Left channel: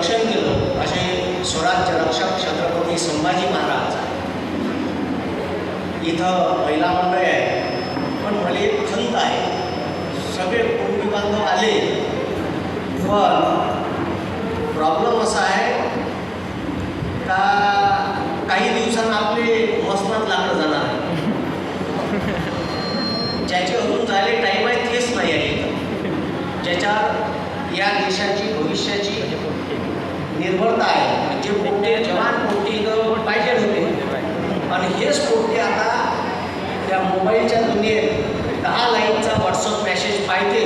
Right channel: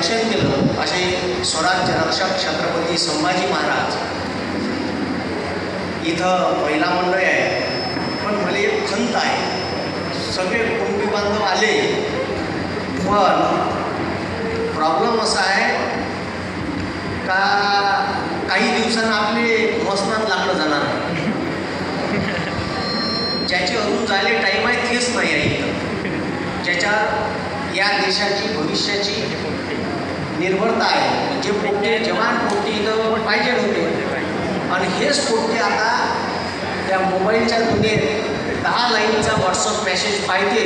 रक्षण केलं असे स्वराज्य रक्षक छत्रपती संभाजी महाराज. इथं महिला मंडळ आहे, पण मला एक खंत आहे. सगळे कुटुंबी बांधव आले, पण प्रॉब्लेम असा आहे का काही दिवसांना आपले मसनात लाकडं जाणार. ज्याची अजून झाले टाईम आहे तेच नाही आहे. ज्याच्यावर या देशाची भविष्याची निर्भरता आहे. म्हणजे पोटे जवान पोटे इथं पाहिजे होते, आणि हेच पोटे आता त्या मोबाईलच्या दुनियेत 10 लाईनचा व्हॉट्सअप मेसेज पाहिजे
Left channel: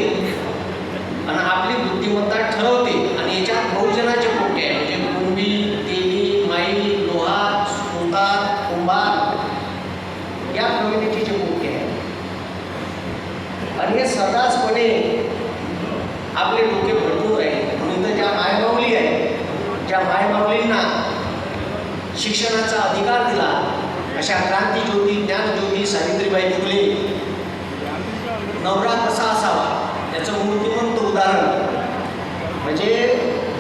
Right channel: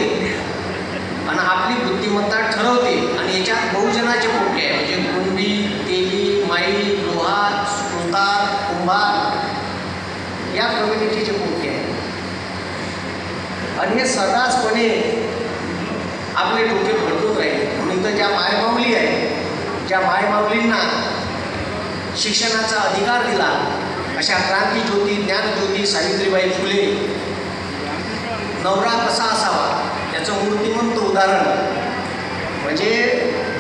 आणि आपली बुद्धिमत्ता ठरवते. आणि याच्यात बहुजनाचे पोटे आहे, म्हणजे कुंडी, तेली, माई, लोहा, सुतार, कुंभार या कम्युनिटीचे पोटे आहे. आणि हे सर्रासपणे आपले डोके भरपूर राहिले. म्हणून तर ज्या मायमाऊली आहे, ज्या मायमाऊलींना शिक्षणाचा अधिकार दिला, अशा क्रांतीज्योती, ज्ञानज्योती सावित्रीबाई फुले, नवरा कसा असावा याचं मूर्तिमंत उदाहरण म्हणजे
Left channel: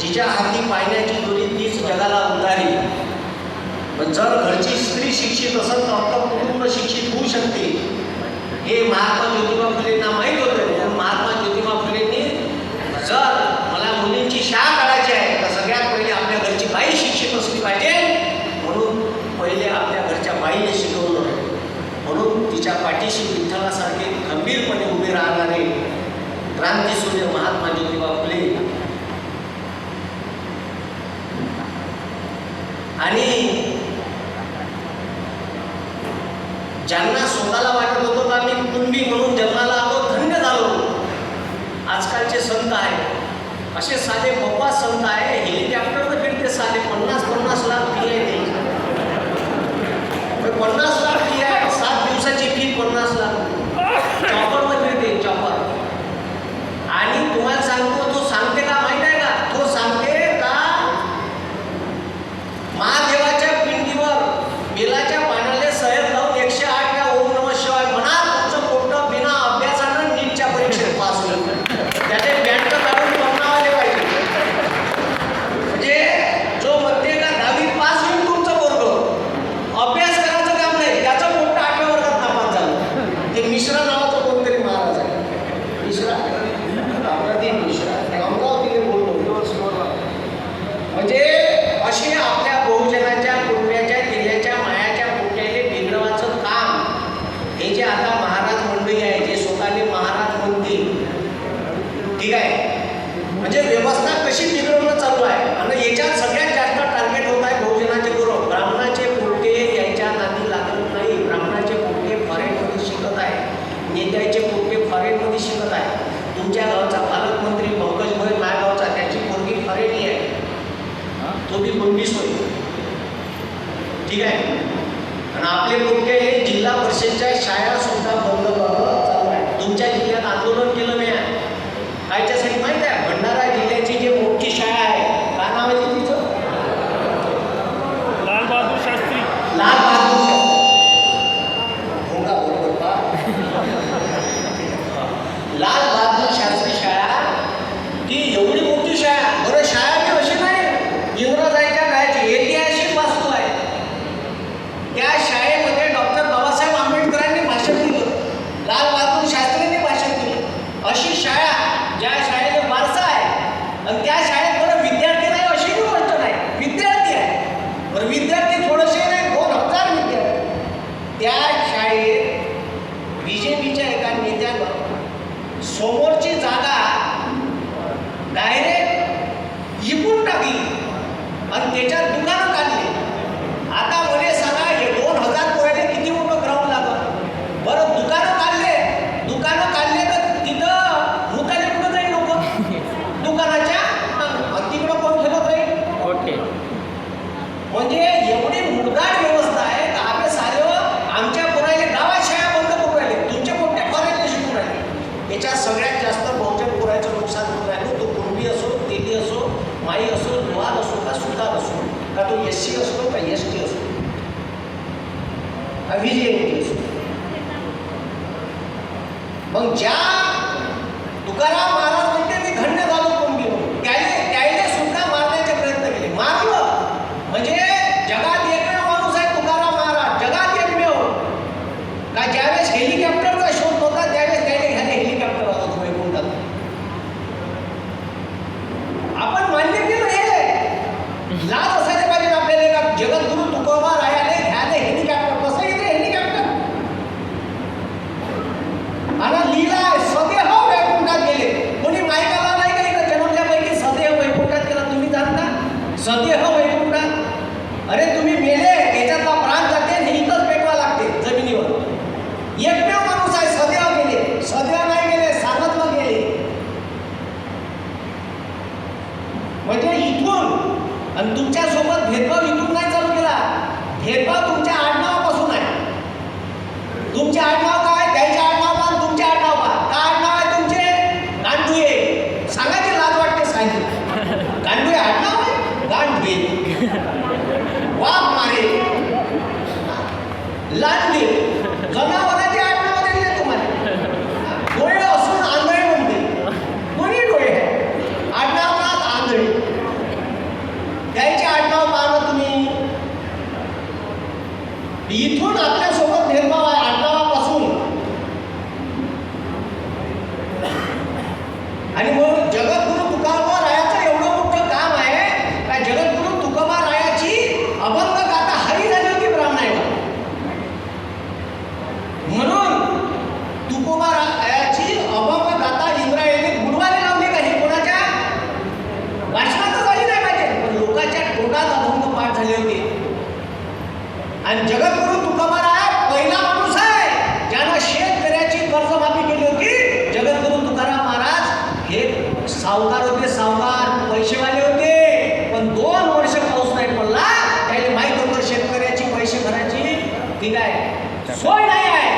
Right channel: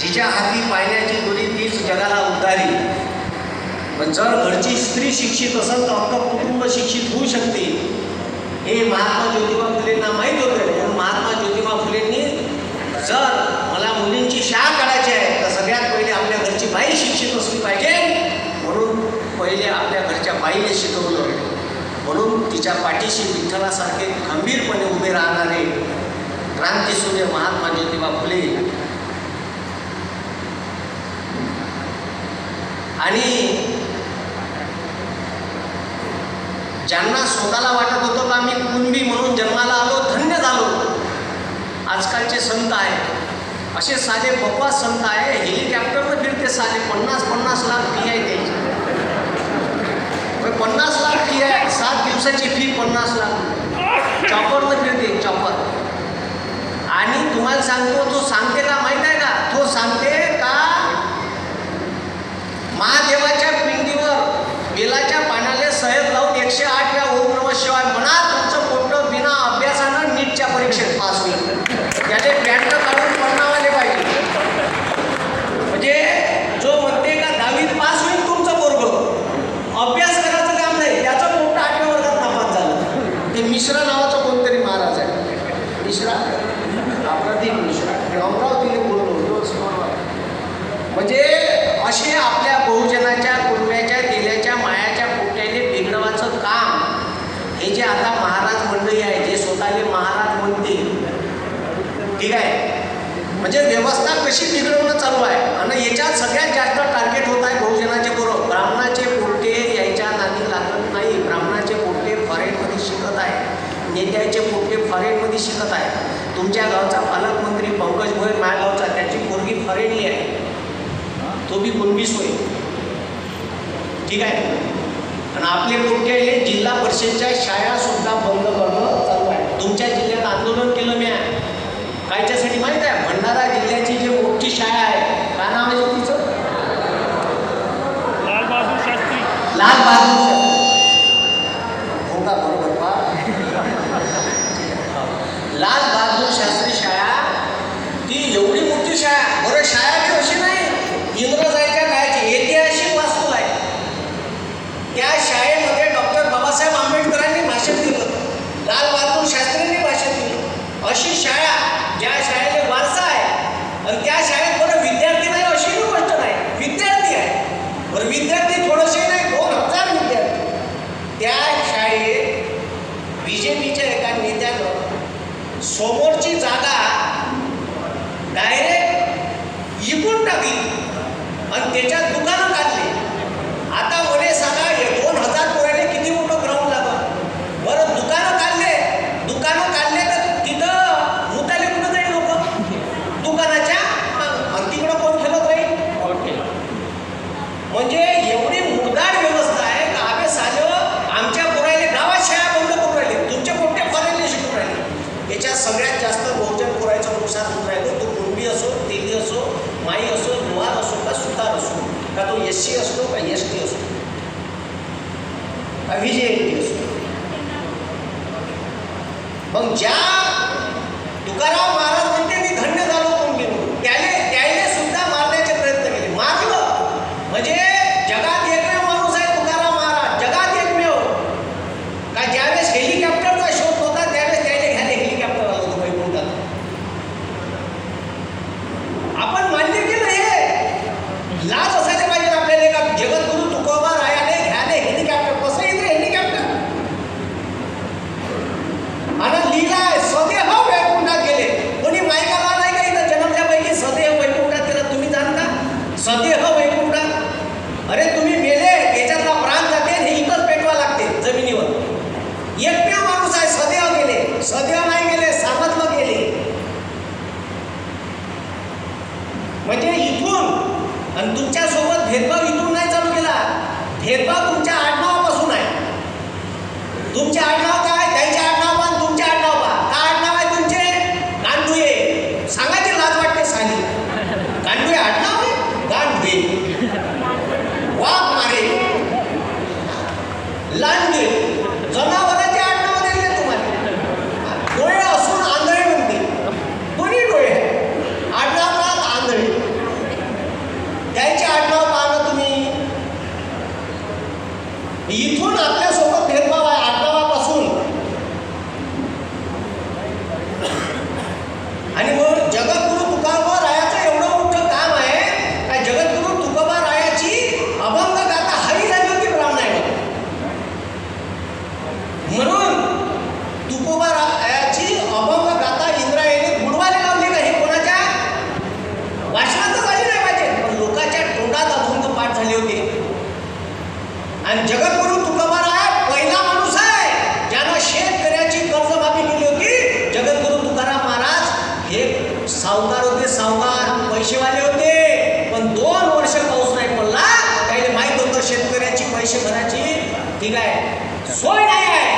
जिच्या हाती पाण्याची दोरी तीच जगाला उतारी. पण जर घरची स्त्री शिक्षित असेल तर अख्खं कुटुंब शिक्षित होऊ शकते, हे महात्मा ज्योतिबा फुलेंना माहीत होतं. महात्मा ज्योतिबा फुलेंनी जर मला मुलींची शाळा काढायची आहे तर सगळ्यात पहिले आपल्या घरची बाई शिक्षित असली पाहिजे, म्हणून पहिले आपल्या घरच्या बाईने शिकवलं. म्हणून तिच्या पाठीशी विठ्ठलासारखे खंबीरपणे उभे राहणारे क्रांतीसूर्य महात्मा ज्योतिबा फुले. आणि ज्यांना स्वतःला वाटत होतं का मी कुटुंबी म्हणून जन्माला आलो, धन्य झालो, आजकालचे संत आहे असे साधे बकवास संत आहे. हेलिकॉप्टरवर फिरते साधे 50-50 लाख फी आहे त्याची. 50 लाख फी आहे, 7 दिवसाची फी 50 लाख. चॉपरवर फिरते, चॉपर. आणि तुम्हाला सांगतो, तो सांगते का माहीत आहे का? तो सांगते का महादेवाच्या पिंडीवर बेलाच्या पाण्याला सहज लावून 108 वेळा ओम नमः शिवाय म्हणा, तुमचं पोट बिना अभ्यासानं नीटच्या परीक्षेत पास होईल. त्याने बँड काढून पडणावाले पाहिजे. म्हणजे जो म्हणते का 10वीत पास होईल तुमचं पोरगं, अभ्यास करायचं काम नाही, त्याचं पोट 8व्या वर्गात नापास झालं. ते मिश्रा नावाचं कोणतरी महाराज आहे, मिश्रा, अप्रतिम मिश्रा, अमरावतीने बोलतो. म्हणजे असे आपल्या बहुजनाच्या कुटुंबाच्या दिल्याच्या मायाच्या पोट्याने बिघडवाचं काम हे जे आता महाराज मंडळी आहे, जे स्वतःले महाराज म्हणतील, ठीक आहे, म्हणजे व्यवस्था कशी बिघडवणं चालू आहे. आणि याच्यात सगळ्यात जास्त टार्गेट होत आहे बहुजनाचे बरोबर. ब्राह्मणाचे पोटे यायच्या नादी लागत नाही. ब्राह्मणाचे पोटे फॉरेनमध्ये शिकत आहे, नेत्याचे पोटे फॉरेनमध्ये शिकत आहे. तुमच्या गावचा पालकमंत्री पंकज भोयर, माझ्या गावचा, त्याची पोरगी फॉरेनली आहे, तो बी गुंडीस होईल, ठीक आहे. आणि आपले पोटे जिल्हा परिषदच्या शाळा सुद्धा बंद करणं चालू आहे. तुमच्या जिल्ह्यात आंदोलन केलं मी कायच्यासाठी माहीत आहे? भंडारा जिल्ह्याची जी मोठी शाळा आहे, काय नाव आहे तिचं? लाल बहादूर शास्त्री. लाल बहादूर शास्त्री हो का? बरोबर पा. लाल बहादूर शास्त्री शाळा, ती एवढी मोठी शाळा. बरं, शाळा बी अशी नाही इंग्रजांच्या काळाची, ऐतिहासिक वास्तू आहे. त्या शाळेमध्ये डॉक्टर बाबासाहेब आंबेडकरांनी भाषण दिलं, लाल बहादूर शास्त्रींनी भाषण दिलं. अशी शाळा, ज्या शाळेला वारसा आहे, आणि त्या शाळेत बरं विद्यार्थी नाही अशी ही गोष्ट नाही, विद्यार्थी आहे. बरं, विद्यार्थी थोडेसे नाही, 2000 विद्यार्थी. त्या शाळेत बीजेपीच्या एका नेत्यानं समोरची जागा डायरेक्ट इकून टाकली आणि त्याच्यात दुकानं काढली. आता मला सांगा, हे 2000 पोराले किती मोठं ग्राउंड लागलं? बरं, दुकानं काढले तर तिथं मुताले कुठं जाईल लोक? दुकानाच्या. आणि तिकडं कोण खेळत राहील? ओके. म्हणजे एवढी मुरदाड व्यवस्था आहे का आम्ही साधं आमच्या पोराले गावात शाळा बंद करून राहिले, तुमचे पोटे फॉरेनला शिकून राहिले. याच्यात सगळ्यात जास्त बहुजन पोराचं नुकसान होत राहिलं. तो कुणबी असो, तेली असो, माई असो, लोहार असो का सुतार असो, का तो SC असतो का ST असतो का VJMT असतो. मग ज्या तुकाराम महाराज म्हणते मी धन्य झालो कुणबी म्हणून, त्याने सुद्धा मारण्याचे प्रयत्न लाज असायला पाहिजे आपल्याला का जगद्गुरु तुकोबा रायाने घ्याले हेलिकॉप्टर कसं येते हेलिकॉप्टर आणि लिहिलाय सदेह वैकुंठात गेले. कोणी मायकाला नाही का इथं जन्मल्यापैकी सदेह वैकुंठात गेला तुम्ही जाणता सदेह वैकुंठात. अरे तुम्ही मेले त्याच्यातला प्राण जाते हे इथंच पेटवा लागते जमिनीवर. एकमेव माणूस आहे सदैव गेले सदैव नाही गेले सामर्थ्य गेले. म्हणजे इथून आणि तुमच्या सोबत भेदभाव इथून नाही चालू केला. भेदभाव तुमच्या आडनावापासून आहे. तुमचे आडनाव काय त्याचे आडनाव पा तुमचे आडनाव पा काय आडनाव आहे तुमचे गांडुये सांगायची लाज वाटते सांगितली. गांडुये आडनाव आहे गांडुये वाघ मारे लांडगे जनावरांचे आडनाव दिले तुम्हाला. डोळे असून आंधळे म्हणते दोन्ही डोळे आडनाव का आंधळे त्याचे आडनाव पाहणं तुम्ही. इथून आपल्यासोबत भेदभाव आहे आडनावापासून. आणि मग जगद्गुरु तुकोबा रायाचं एवढं मोठं काम आहे का जगद्गुरु तुकोबा रायाची अभंग गाथा हरी झाली होती ब्राह्मणाला. म्हणून तुकोबा रायाची अभंग गाथा इंद्रायणी बुडवायला लावली का हे कोणाच्या वाचनातच झाली नाही पाहिजे पण लोकांच्या तोंडात अभंग पाठ झाले होते. आणि जगद्गुरु तुकोबा राया पहिला माणूस आहे ज्यानं शेतकऱ्याची कर्जमाफी केली होती. जगद्गुरु तुकाराम महाराज हे सावकार होते सावकार पैसेवाले होते पण 2 वर्ष पाऊस नाही पडला त्याला माहीत होतं शेतकऱ्याची पैसे भरायची ठीक आहे सोय नाही आहे.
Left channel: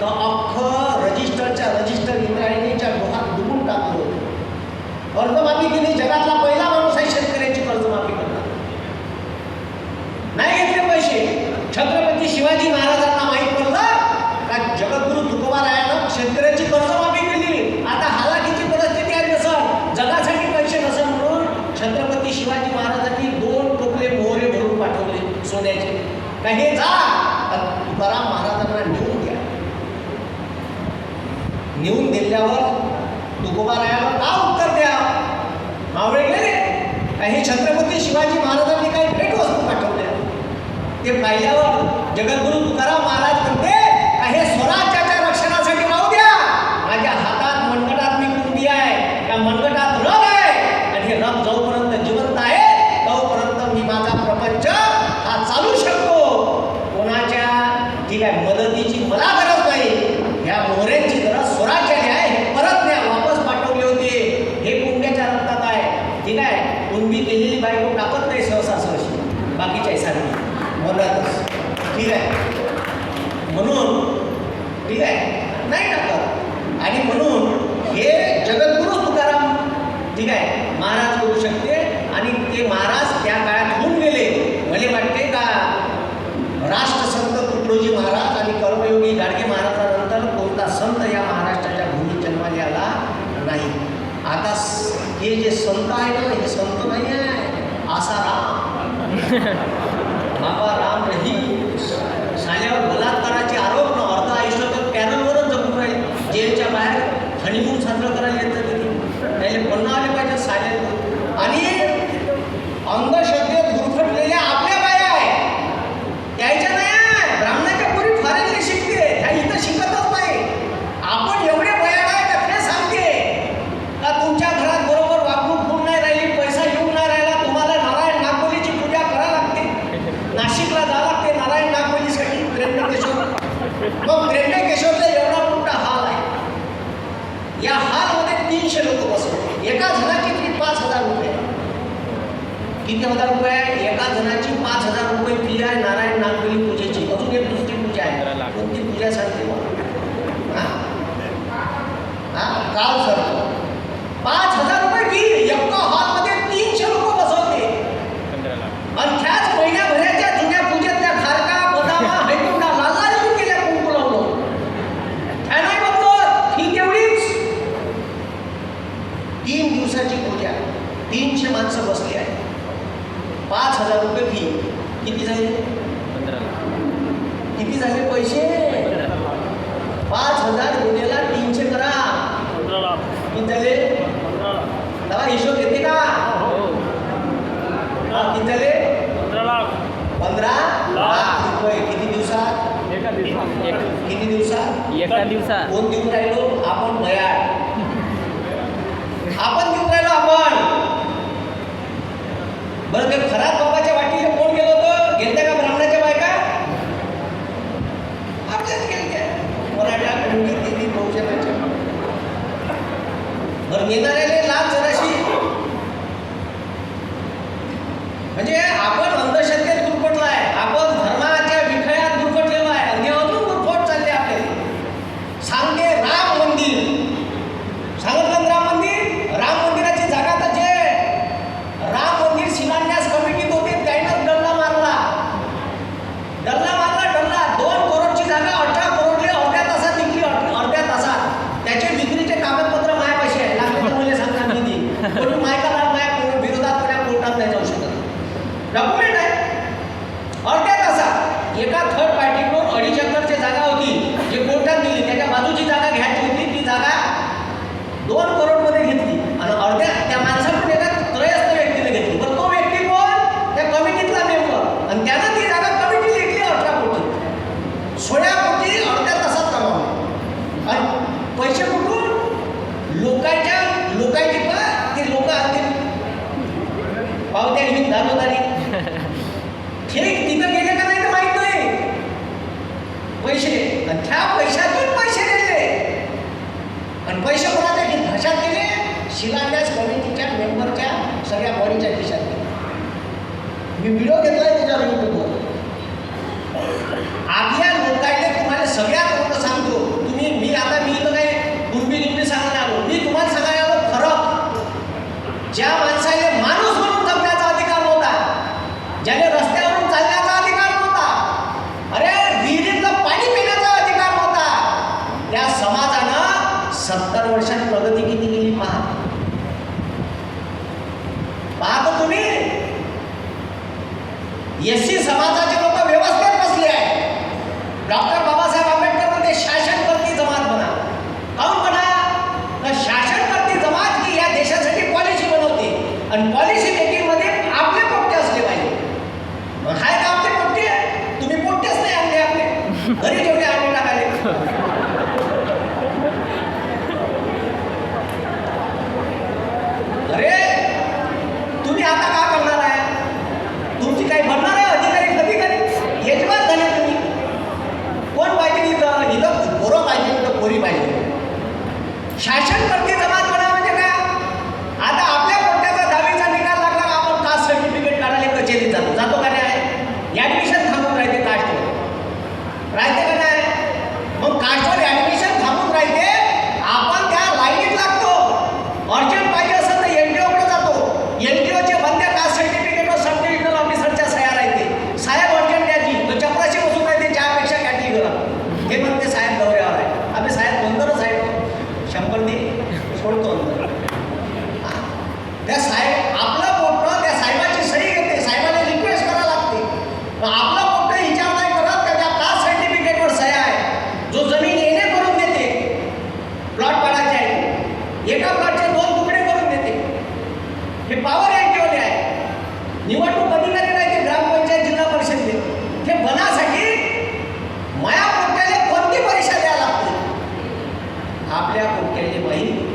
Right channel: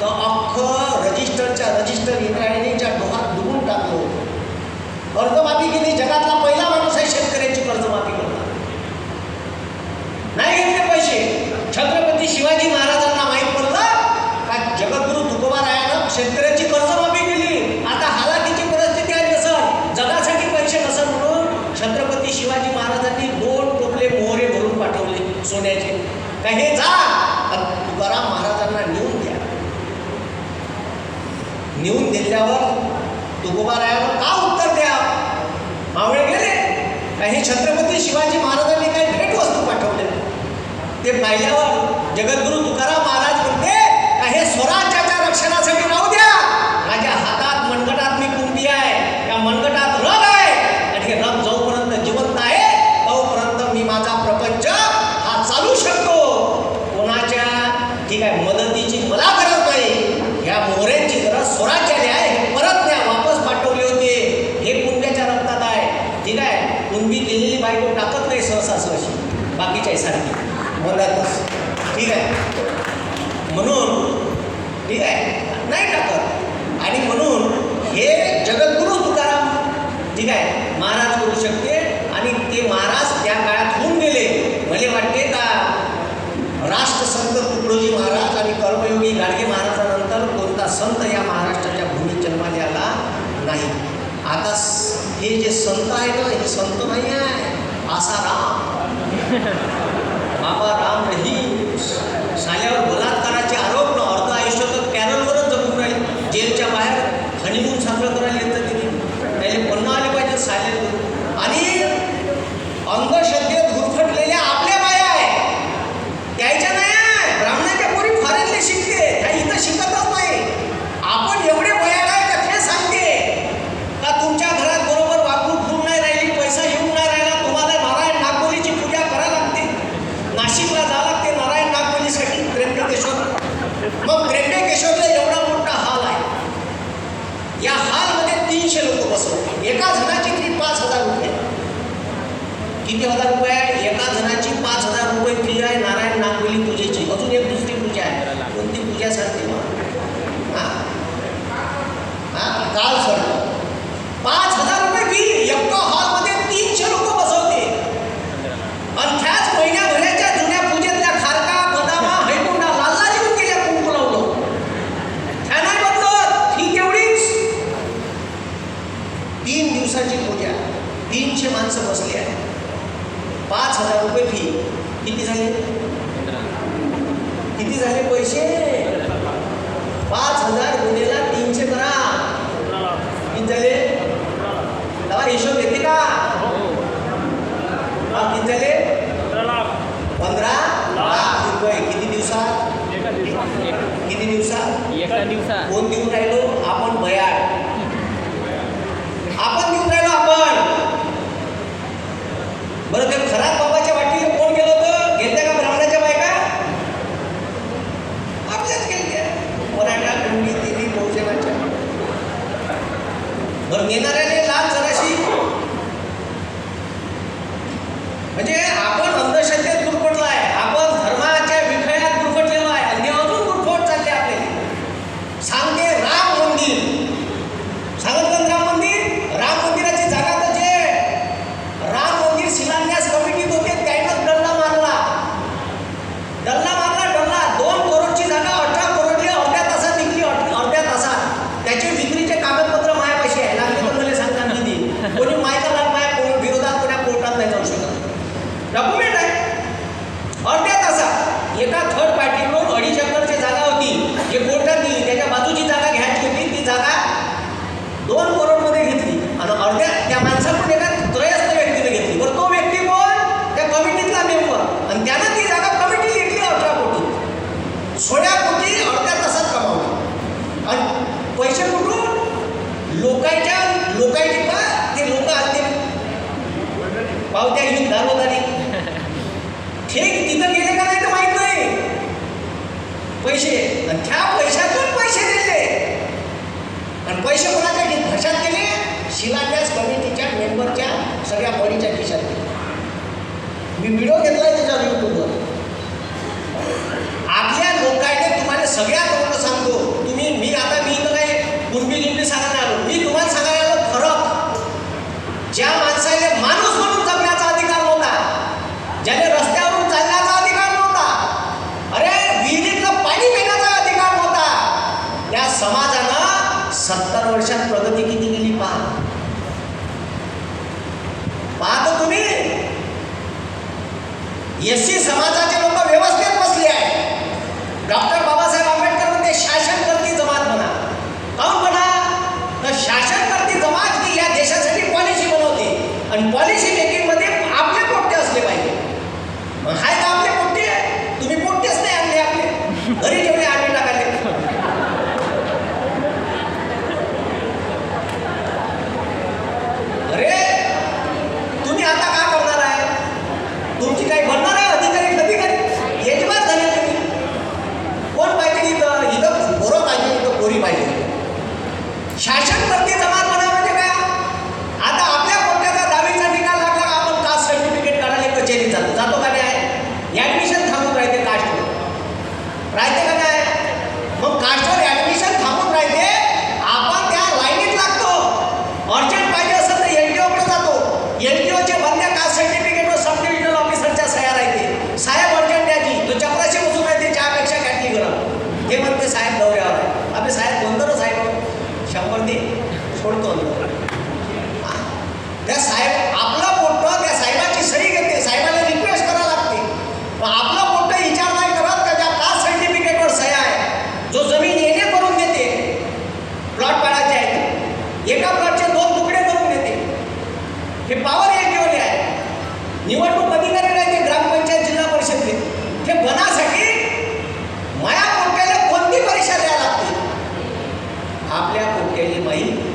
तर अख्खं रजिस्टर इंद्रायणीच्या डोहात डुबून टाकलं. कर्जमाफी केली. जगातला पहिला माणूस आहे शेतकऱ्याची कर्जमाफी करणार. नाही घेतले पैसे. छत्रपती शिवाजी महाराजांना माहीत पडलं का जगद्गुरु तुकोबा रायानं शेतकऱ्याची कर्जमाफी केली. आता हालाकीची परिस्थिती आहे नसल जगासाठी पैसे नसल म्हणून छत्रपती शिवाजी महाराजांनी 2 टोपले मोहरे भरून पाठवले सोन्याचे का हे जा तुकाराम महाराजांना नेऊन द्या. नेऊन दिल्यावर तुकोबा रायाला का उत्तर द्या मावळे गेले का हे छत्रपती शिवाजी महाराजांनी काही भेटवस्तू पाठवल्या. ते पाहिल्यावर जगद्गुरु तुकाराम महाराज म्हणते का हे स्वराज्याच्या रक्षणासाठी राहू द्या. माझ्या हातात मनगटात मी कुंडी आहे या मनगटात रग आहे आणि हे रग जोपर्यंत जिवंत आहे तोपर्यंत मी माझा प्रपंच हा चालू शकतो. कोणाच्या ठीक आहे मदतीची मला गरज नाही. ह्या मोहऱ्यांची गरज स्वराज्याने आहे. हे परत न्या वापस पाठवले होते. हे कुंड्याच्या रक्तात आहे ठीक आहे. कुंडी केलेली बायको टाकत नाही सहसा सहशी बाकीच्या सारखी मनातच ठीक आहे. म्हणून ठीक आहे नाही टाकत. आणि म्हणून हे जगद्गुरु तुकाराम ठीक आहे महाराज करू शकते. आणि ते महाराज त्या काळात होऊन गेले. मला वाटते का राष्ट्रसंत तुकडोजी महाराज आणि कर्मयोगी गाडगे महाराजांनंतर कोणता संत या महाराष्ट्राच्या भूमीत जन्माला आला नाही. आता हे जे संत आहे ना हे संत नाही आहे आसाराम बाबा राम रहीम साल्यावर बलात्काराचे आरोप न अर्ध आयुष्य तर पॅनलवरच जगून राहील. जेलच्या बाहेर हनीमून साजरं करायला येतं तिथे त्याला पुन्हा आले पाहिजे साले. आणि अंधश्रद्धेत गुरफटलेल्या आपल्या बाया आहे त्याच्या नाही ब्राह्मणाच्या पोरी फॉरेनला शिकते त्या इथं शिकतच नाही. आपण एवढे बया काय का ते सांगते का तुमच्या घरात बरोबर वागणूक होऊन नाही राहिली पैसा येऊन नाही राहिला तुम्हाला नारायण नागबलीची पूजा करावी लागते. नाशिकला जावं लागते नारायण नागबलीसाठी त्र्यंबकेश्वर. मग त्र्यंबकेश्वरला एवढा मोठा हॉल आहे. या हॉलमध्ये 300 लोक बसवते. एका जणाची फी 5,000 रुपये. किती हजार रुपये आहे? एका जणाची 5,000 रुपये फी आहे नारायण नागबली पूजेची. अजून एक दुसरी पूजा आहे कोणती पूजा सांगते मग काल सर 5,000 रुपये फी. एका हॉलमध्ये 300 लोक बसवते. आणि त्याच महिन्याभराच्या जुन्या पूजेतल्या खारका बदामा हैकुंडा लालला येऊन गेल्या कुंकू लावलं. त्या नाही बदलत फी तेवढीच. 3 दिवसाची पूजा 300 माणसं बसली आहे. 5,000 रुपये फी. किती झाले पैसे? 5,000 गुन्हेला 300 करा किती झाले? तेव्हा हिशोब येते का? आपण अंधश्रद्धेत गुरफटलो आहे, आपण धर्माच्या विखळ्यात गुरफटलेलो आहे आणि अजून गुरफट चालले आपले. सांगते राम मंदिर, सांगितलं राम मंदिर, राम मंदिराची जागा तर जे राम मंदिर शिलान्यास कमिटीत होते त्यानं डल्ला मारला. 2 करोडची जागा 18 करोडले अर्ध्या तासात निघली. अर्ध्या तासात त्याचे विक्रीचे कागदपत्र मायापाशी आहे. लागले तर मला सांगता कधी कोणी मायका माया विरोधात कोणा कोर्टात नाही जाऊ शकत. डॉक्युमेंट आहे. अर्ध्या तासात एका थर्ड पार्टीकडून 2.5 एकरची जागा होती, जे कोर्टात दिली. त्याच्या बाजूची जागा घ्यायची होती, ती जागा 2 करोडमध्ये घेतली आणि अर्ध्या त्या माणसाकडून एका त्रयस्थ व्यक्तीने घेतली. बरं तो व्यक्ती कोण? त्या कमिटीतला मेंबर आणि त्यानं ती जागा कमिटी घेतली 18 कोटी. 16 कोटी अर्ध्या तासात कमावले आणि पैसे कुठून? लोकांची का ते लोक असते पावत्या घेऊन दाखवताना ठीक तिथं गेले का नाही तर माहित नाही. पैसे आणि त्या पैशातून पैसे दिले आणि पैसे कोणाच्या खिशात दिले? शिलान्यास कमिटीच्या मेंबरच्या सगळ्या बॉडीच्या खिशात दिले. मी व्हिडिओ घेतलाय त्याच्यावर यूट्यूबवर. आपल्या लोकांनी तुम्हाला सगळ्यात लोक सांगतो, मी इथं काय गुंबी सांगायला आलो, मी तुम्हाला सांगायला आलो फरक. ज्या माणसाने माणूस म्हणून जगण्याचा अधिकार नव्हता, ज्याने रस्त्यावरून चालण्याचा अधिकार नव्हता, अरे विहिरीतलं पाणी पिण्याचा अधिकार नव्हता, त्या समाजानं 70 वर्षात प्रगती किती केली पहा. पाहतो तुम्ही. एससी समाजाचे लोक व्यवस्थेत बसले आहे. डॉक्टर बाबासाहेब आंबेडकर म्हणते शासनकर्ती जमात बना. काऊन बना? तर शासनकर्ती जमात ही या देशासाठी पॉलिसी बनवते आणि पॉलिसी मेकिंगमध्ये आपले पोट्टे असले पाहिजे. मग हाय का आपले पोट्टे? तुम्ही पोट्टेच नाही आणले, आपले घरी जेवढे आणले टाकाले. अरे तुम्ही आता काय करणार आहे? तुमची काही बनणार आहे अधिकारी कधी कधी यजमान झाले तुम्ही. कोण पाहिजे इथं पोरं पाहिजे, इथं पोरी पाहिजे. शासनकर्ती जमात बनवा म्हणजे काय? आता आपल्या पोट्ट्याचा 10वीचा निकाल लागला का आपण कास्ट सर्टिफिकेट काढायला कचेरीत जातो का नाही? ॲडमिशन थांबून राहते कास्टवर, राहते का नाही? मग कास्टवर ॲडमिशन थांबून राहते, आपण त्या लाईनीत लागतो. अर्जंट पाहिजे असेल तर LTOकडे जातो. LTOचे बंद्या कास्ट सर्टिफिकेटवर सब डिव्हिजनल ऑफिसरच्या सह्या राहते. साहेब अर्जंट द्यायची, तो चपराशी बसून राहते, चहापेक्षा कॅटली गरम. हे म्हणते साहेब दौऱ्यावर आहे. आपले साहेब गोंधळच आहे. 100 दे सोडतो. त्या साहेब आपला पोट्ट त्या साहेबाची सही घेते, साहेबाला रिक्वेस्ट करावं लागते. पण आपला पोट्ट विचार नाही करत, त्याच्या कास्ट सर्टिफिकेटवर सह्या आहे. जो जमीन येणे करून देते, प्लॉट पाडायचे आहेत, एका प्लॉटचे 2 तुकडे करून देते. हे पॉवर LTOले आहे. निवडणूक अधिकारी राहते ग्रामपंचायत जिल्हा परिषदले. हे बनासाठी माया पोट्ट्याला कोणती परीक्षा द्यावी लागते? आपल्या पोट्ट्याली माहीत.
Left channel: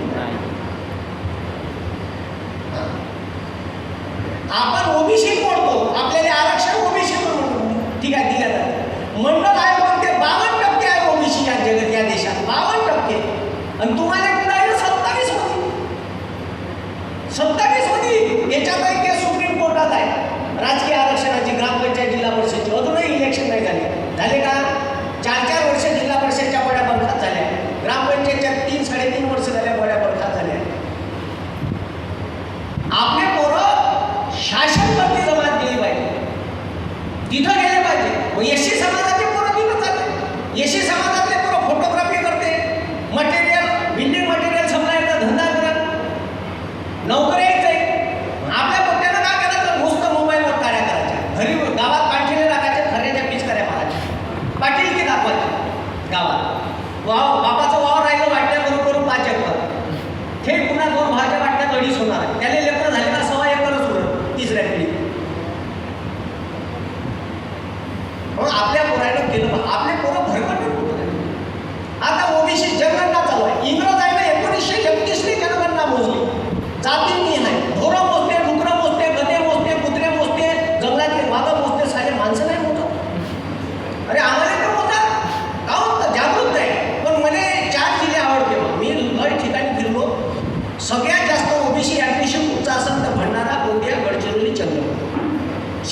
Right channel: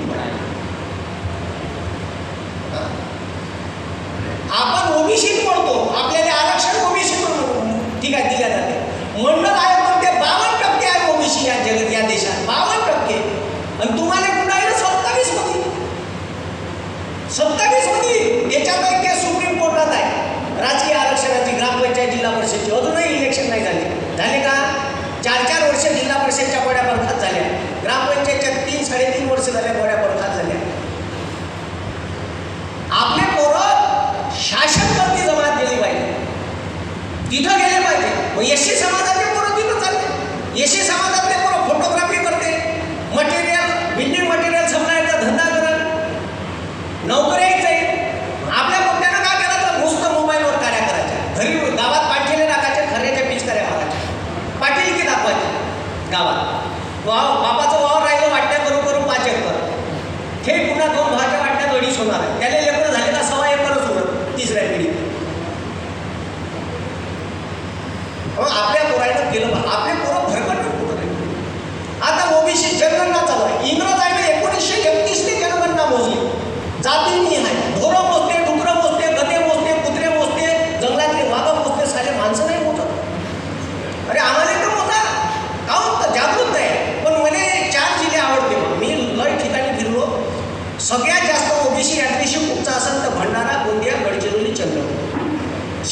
आपण ओबीसी मोडतो, आपल्याला आरक्षण ओबीसीतून ठीक आहे दिल्या जाते. मंडल आयोग म्हणते 52% आहे ओबीसी या जगात, या देशात 52%. आणि तुम्हाला कुठं आहे 27 होती. 27 होती. याच्यात ते सुप्रीम कोर्टात आहे राजकीय आरक्षणाची ग्रामपंचायत जिल्हा परिषदची. अजूनही इलेक्शन नाही झाले का? 4-4 वर्ष जिल्हा परिषदच्या बड्या बरखात झाल्या. ग्रामपंचायतच्या 3-3.5 वर्ष झाल्या बड्या बरखात झाल्या. आपले पोरं शासनकर्ती जमात गेली पाहिजे, तिथं गेले पाहिजे. मग एससी समाजातले पोरं तिथं चालले. एससी समाजातले पोरं फोटोग्राफी करते, मटेरियल बिल्डिंग मटेरियल सप्लायचा धंदा करत, नोकरी जाईल. आपल्या पोट्ट्यानं काय करायचं? नुसतं मोबाईलवर कार्य करायचं. घरी गावात पाठीले टाकायचे, खऱ्याच्या पीच कार्या मारायचे, पाटील की दाखवायचे गावात. बापाचं वावर राहिलं वाटण्या करून करून 5 एकर, हे पुन्हा 2 भाज्या वाटण्यात 2.5 होणार. त्याला लेकरं झाले का 1.25 एकरच होणार 3ऱ्या पिढीत. आपल्या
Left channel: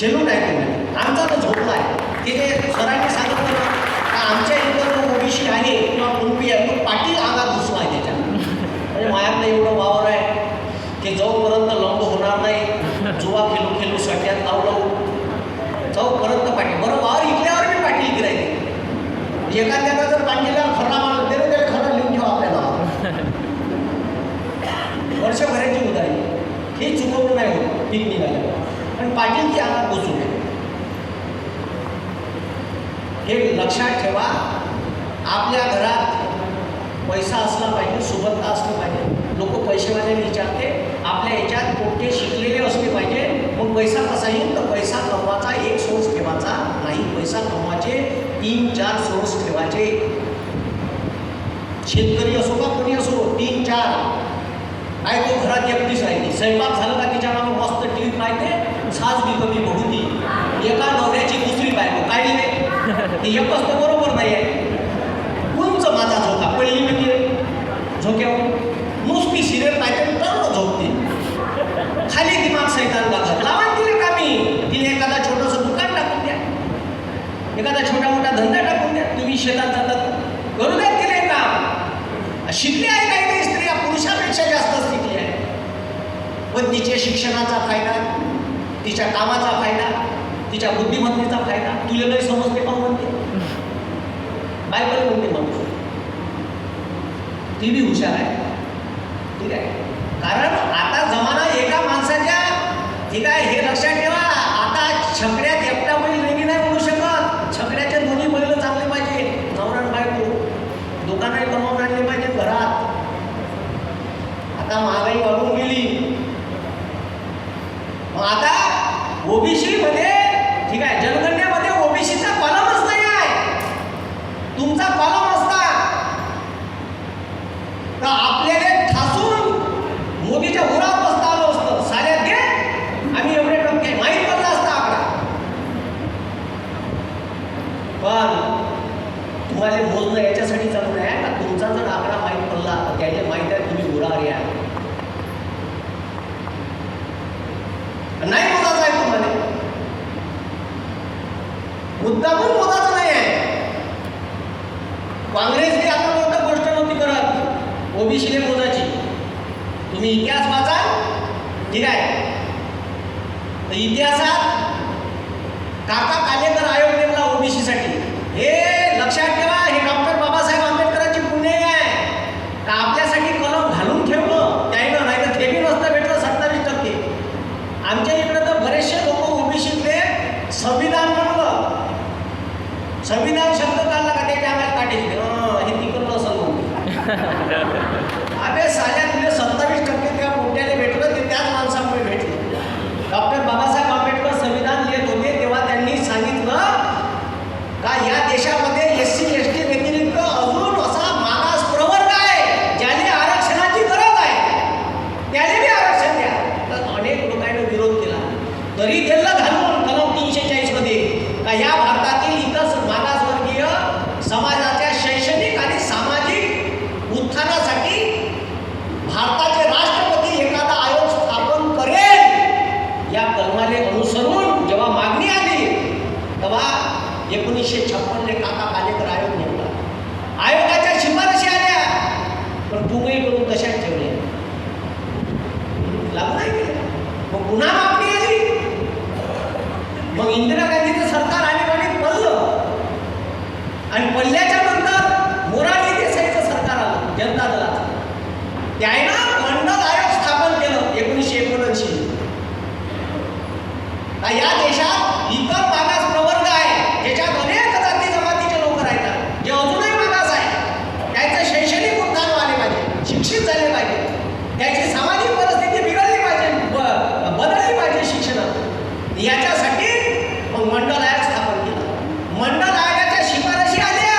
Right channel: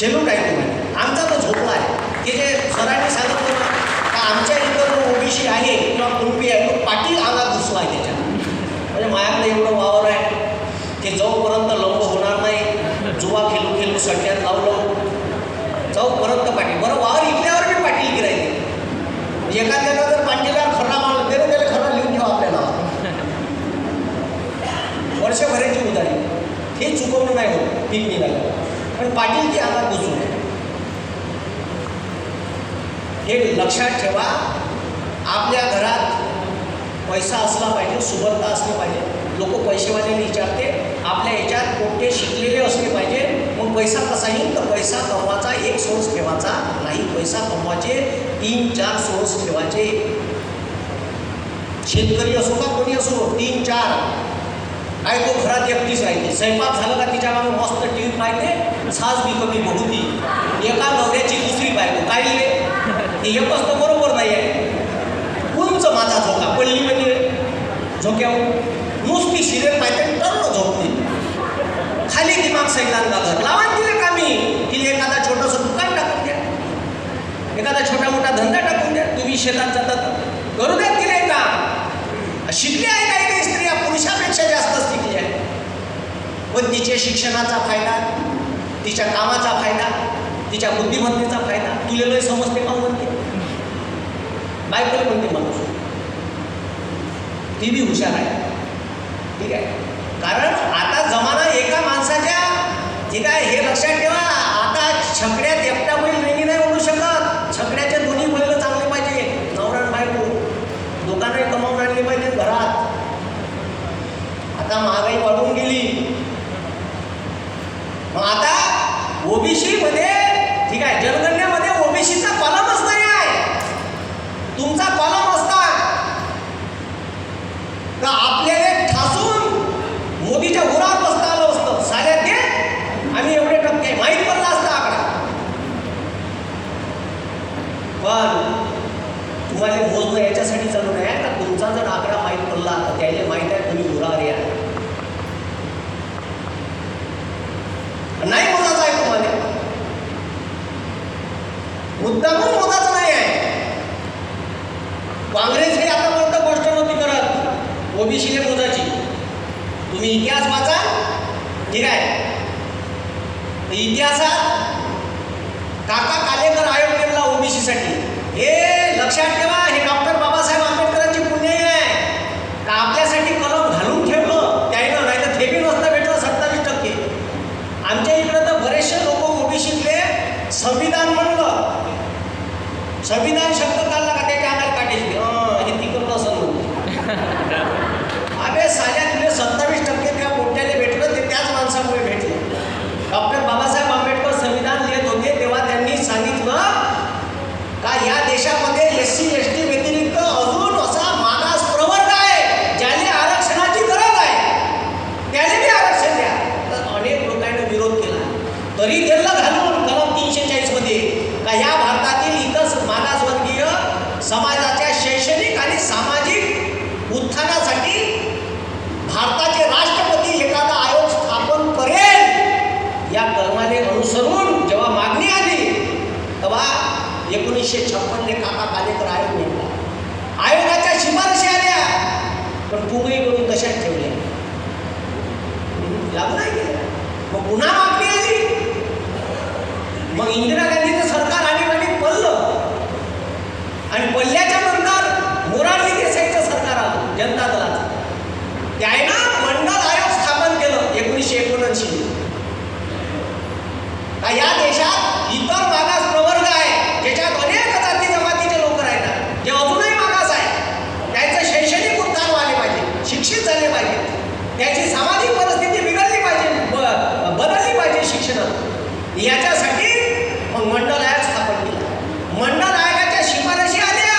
सेल्यूट आहे तुम्ही. आमचा तो झोपला आहे की जे सरांनी सांगितलं ना का आमच्या इथं जो ओबीसी आहे किंवा कुणबी आहे तो पाटील अंगात घुसला आहे त्याच्या. म्हणजे माझ्याकडे एवढं वावर आहे की जोपर्यंत लंब होणार नाही, जुवा खेळू खेळू सट्ट्यात लावलं जोपर्यंत पाटील. बरं वावर इकल्यावर मी पाटील गिरायचे. एखाद्याला जर पांडेल्यावर खरा माणूस गेलं त्याला खरं लिहून ठेवा आपल्या नावात. वर्षभराची उदारी हे चुकवणं नाही होत पीक निघालं पण पाटील ती अंगात घुसू नये हे लक्षात ठेवा. आपल्या घरात पैसा असला पाहिजे, सुबत्ता असलं पाहिजे. लोक पैसेवाल्याने विचारते आपल्या याच्यात कोणते शिकलेले असले पाहिजे. मग पैसा कसा येईल तर पैसा कमवायचा एक सोर्स ठेवायचा नाही. पैसा कमवायचे 3-4 सोर्स ठेवायचे. शेतकरी असो का कोणी असो 3-4 आहे. तो घरात एकटीच राहते. स्वयंपाक झालं का तिच्या मागे मस्त टी व्ही पाहते. सास बी कमी बघू ती. एका नवऱ्याची दुसरी बायको काही एकच तर बरोबर नाही आहे. उंच माझा झोका पडली म्हणजे झोक्यावर नुसती सिरियल पाहिजे तर झोपते. खाली दिमाग सैतान घालत लावा तिला कामी. तिला एखादा छोटंसं दुकान टाकून द्या, एखादा छोटा मोठा धंदा टाकून द्या. तुम्ही शेतात जातात करू द्या तिला काम. शिकले आहे काही नाही स्त्रिया पुरुषापेक्षा जास्त शिकले आहे. पण तिच्या शिक्षणाचा फायदा, तिच्या कामाचा फायदा, तिच्या बुद्धिमत्तेचा फायदा तुला लय समजते का म्हणते बायकोला म्हणते माणूस ती बी हुशार आहे. ठीक आहे. कारण आता जमाना एका माणसाच्या ठीक आहे हे लक्षात ठेवा. आता छकड्यात एकटा बैल वेगळी नाही होऊ शकत. छकड्याचे दोन्ही बैल चांगले पाहिजे. नवरा बायको दोघांनाही कमावून आणले पाहिजे घरात. आता महागाई वाढून गेली. मग आता ओबीसी मध्ये ठीक आहे जनगणनेमध्ये ओबीसीचा कॉलमच नाही आहे. तुमचा कॉलम असता तर आपल्याला ठासून मोदीच्या उरावर बसता आलं असतं. साऱ्यात घे आम्ही एवढे टक्के माहीत पडला असता आकडा. पण तुम्हाला मोजणं याच्यासाठी चालू नाही का तुमचा जर आकडा माहीत पडला तर त्याला माहीत आहे तुम्ही उरावर या. नाही मोजायचं आहे तुम्हाला. मुद्दामून मोजायचं नाही आहे. काँग्रेसने आता मोठं गोष्ट नव्हती करत ओबीसीने मोजायची. तुम्ही इतिहास वाचा ठीक आहे. इतिहासात काका कालेकर आयोग नेमला ओबीसीसाठी. हे लक्षात ठेवा हे डॉक्टर बाबासाहेब आंबेडकरांची पुण्याई आहे का आपल्यासाठी कलम घालून ठेवलं त्यानं नाही तर थेबी नसतं भेटलं 27%. आमच्या इकडं तर बरेचसे लोक ओबीसीतले संविधान म्हणलं. संविधान शब्द काढला का त्याच्या अंगात काढायची हे तिकडलं असं म्हणते. अबे साल्या तुला 27% त्या मोठ्याने भेटलं ते त्याच माणसामुळे भेटले. डॉक्टर बाबासाहेब आंबेडकर संविधान लिहित होते तेव्हा त्यांनी सांगितलं का या देशामध्ये SC ST व्यतिरिक्त अजून असा मागास प्रवर्ग आहे ज्याने आरक्षणाची गरज आहे त्याने बी आरक्षण द्या. तर अनेक लोकांनी विरोध केला तरी त्यांना घालून कलम 340 मध्ये का या भारतातील इतर मागासवर्गीय समाजाच्या शैक्षणिक आणि सामाजिक उत्थानासाठी भारताचे राष्ट्रपती एखादा आयोग स्थापन करेल या कलमाने अनुसरून जेव्हा मागणी आली तेव्हा 1956 काका कालेकर आयोग नेमला. आयोगाच्या शिफारशी आल्या पण पुंगळीकडून कशात ठेवल्या लागू नाही केलं. मग पुन्हा मागणी आली. मग इंदिरा गांधीचं सरकार आणीबाणीत पडलं आणि पडल्याच्या नंतर मोरारजी देसाईचं सरकार आलं जनता दलाचं. त्यानं मंडल आयोग स्थापन केलं 1979. या देशात इतर मागास प्रवर्ग आहे ज्याच्यात अनेक जाती जमातीचे लोक राहतात जे अजूनही मागास आहे. त्यांचं शैक्षणिक उत्थान व्हायला पाहिजे, शिक्षित झाले पाहिजे, त्याची सामाजिक परिस्थिती बिघडली पाहिजे, बदलली पाहिजे शिक्षणात. याच्यासाठी मग मंडल आयोग स्थापन केलं. मंडल आयोगाच्या शिफारशी आल्या.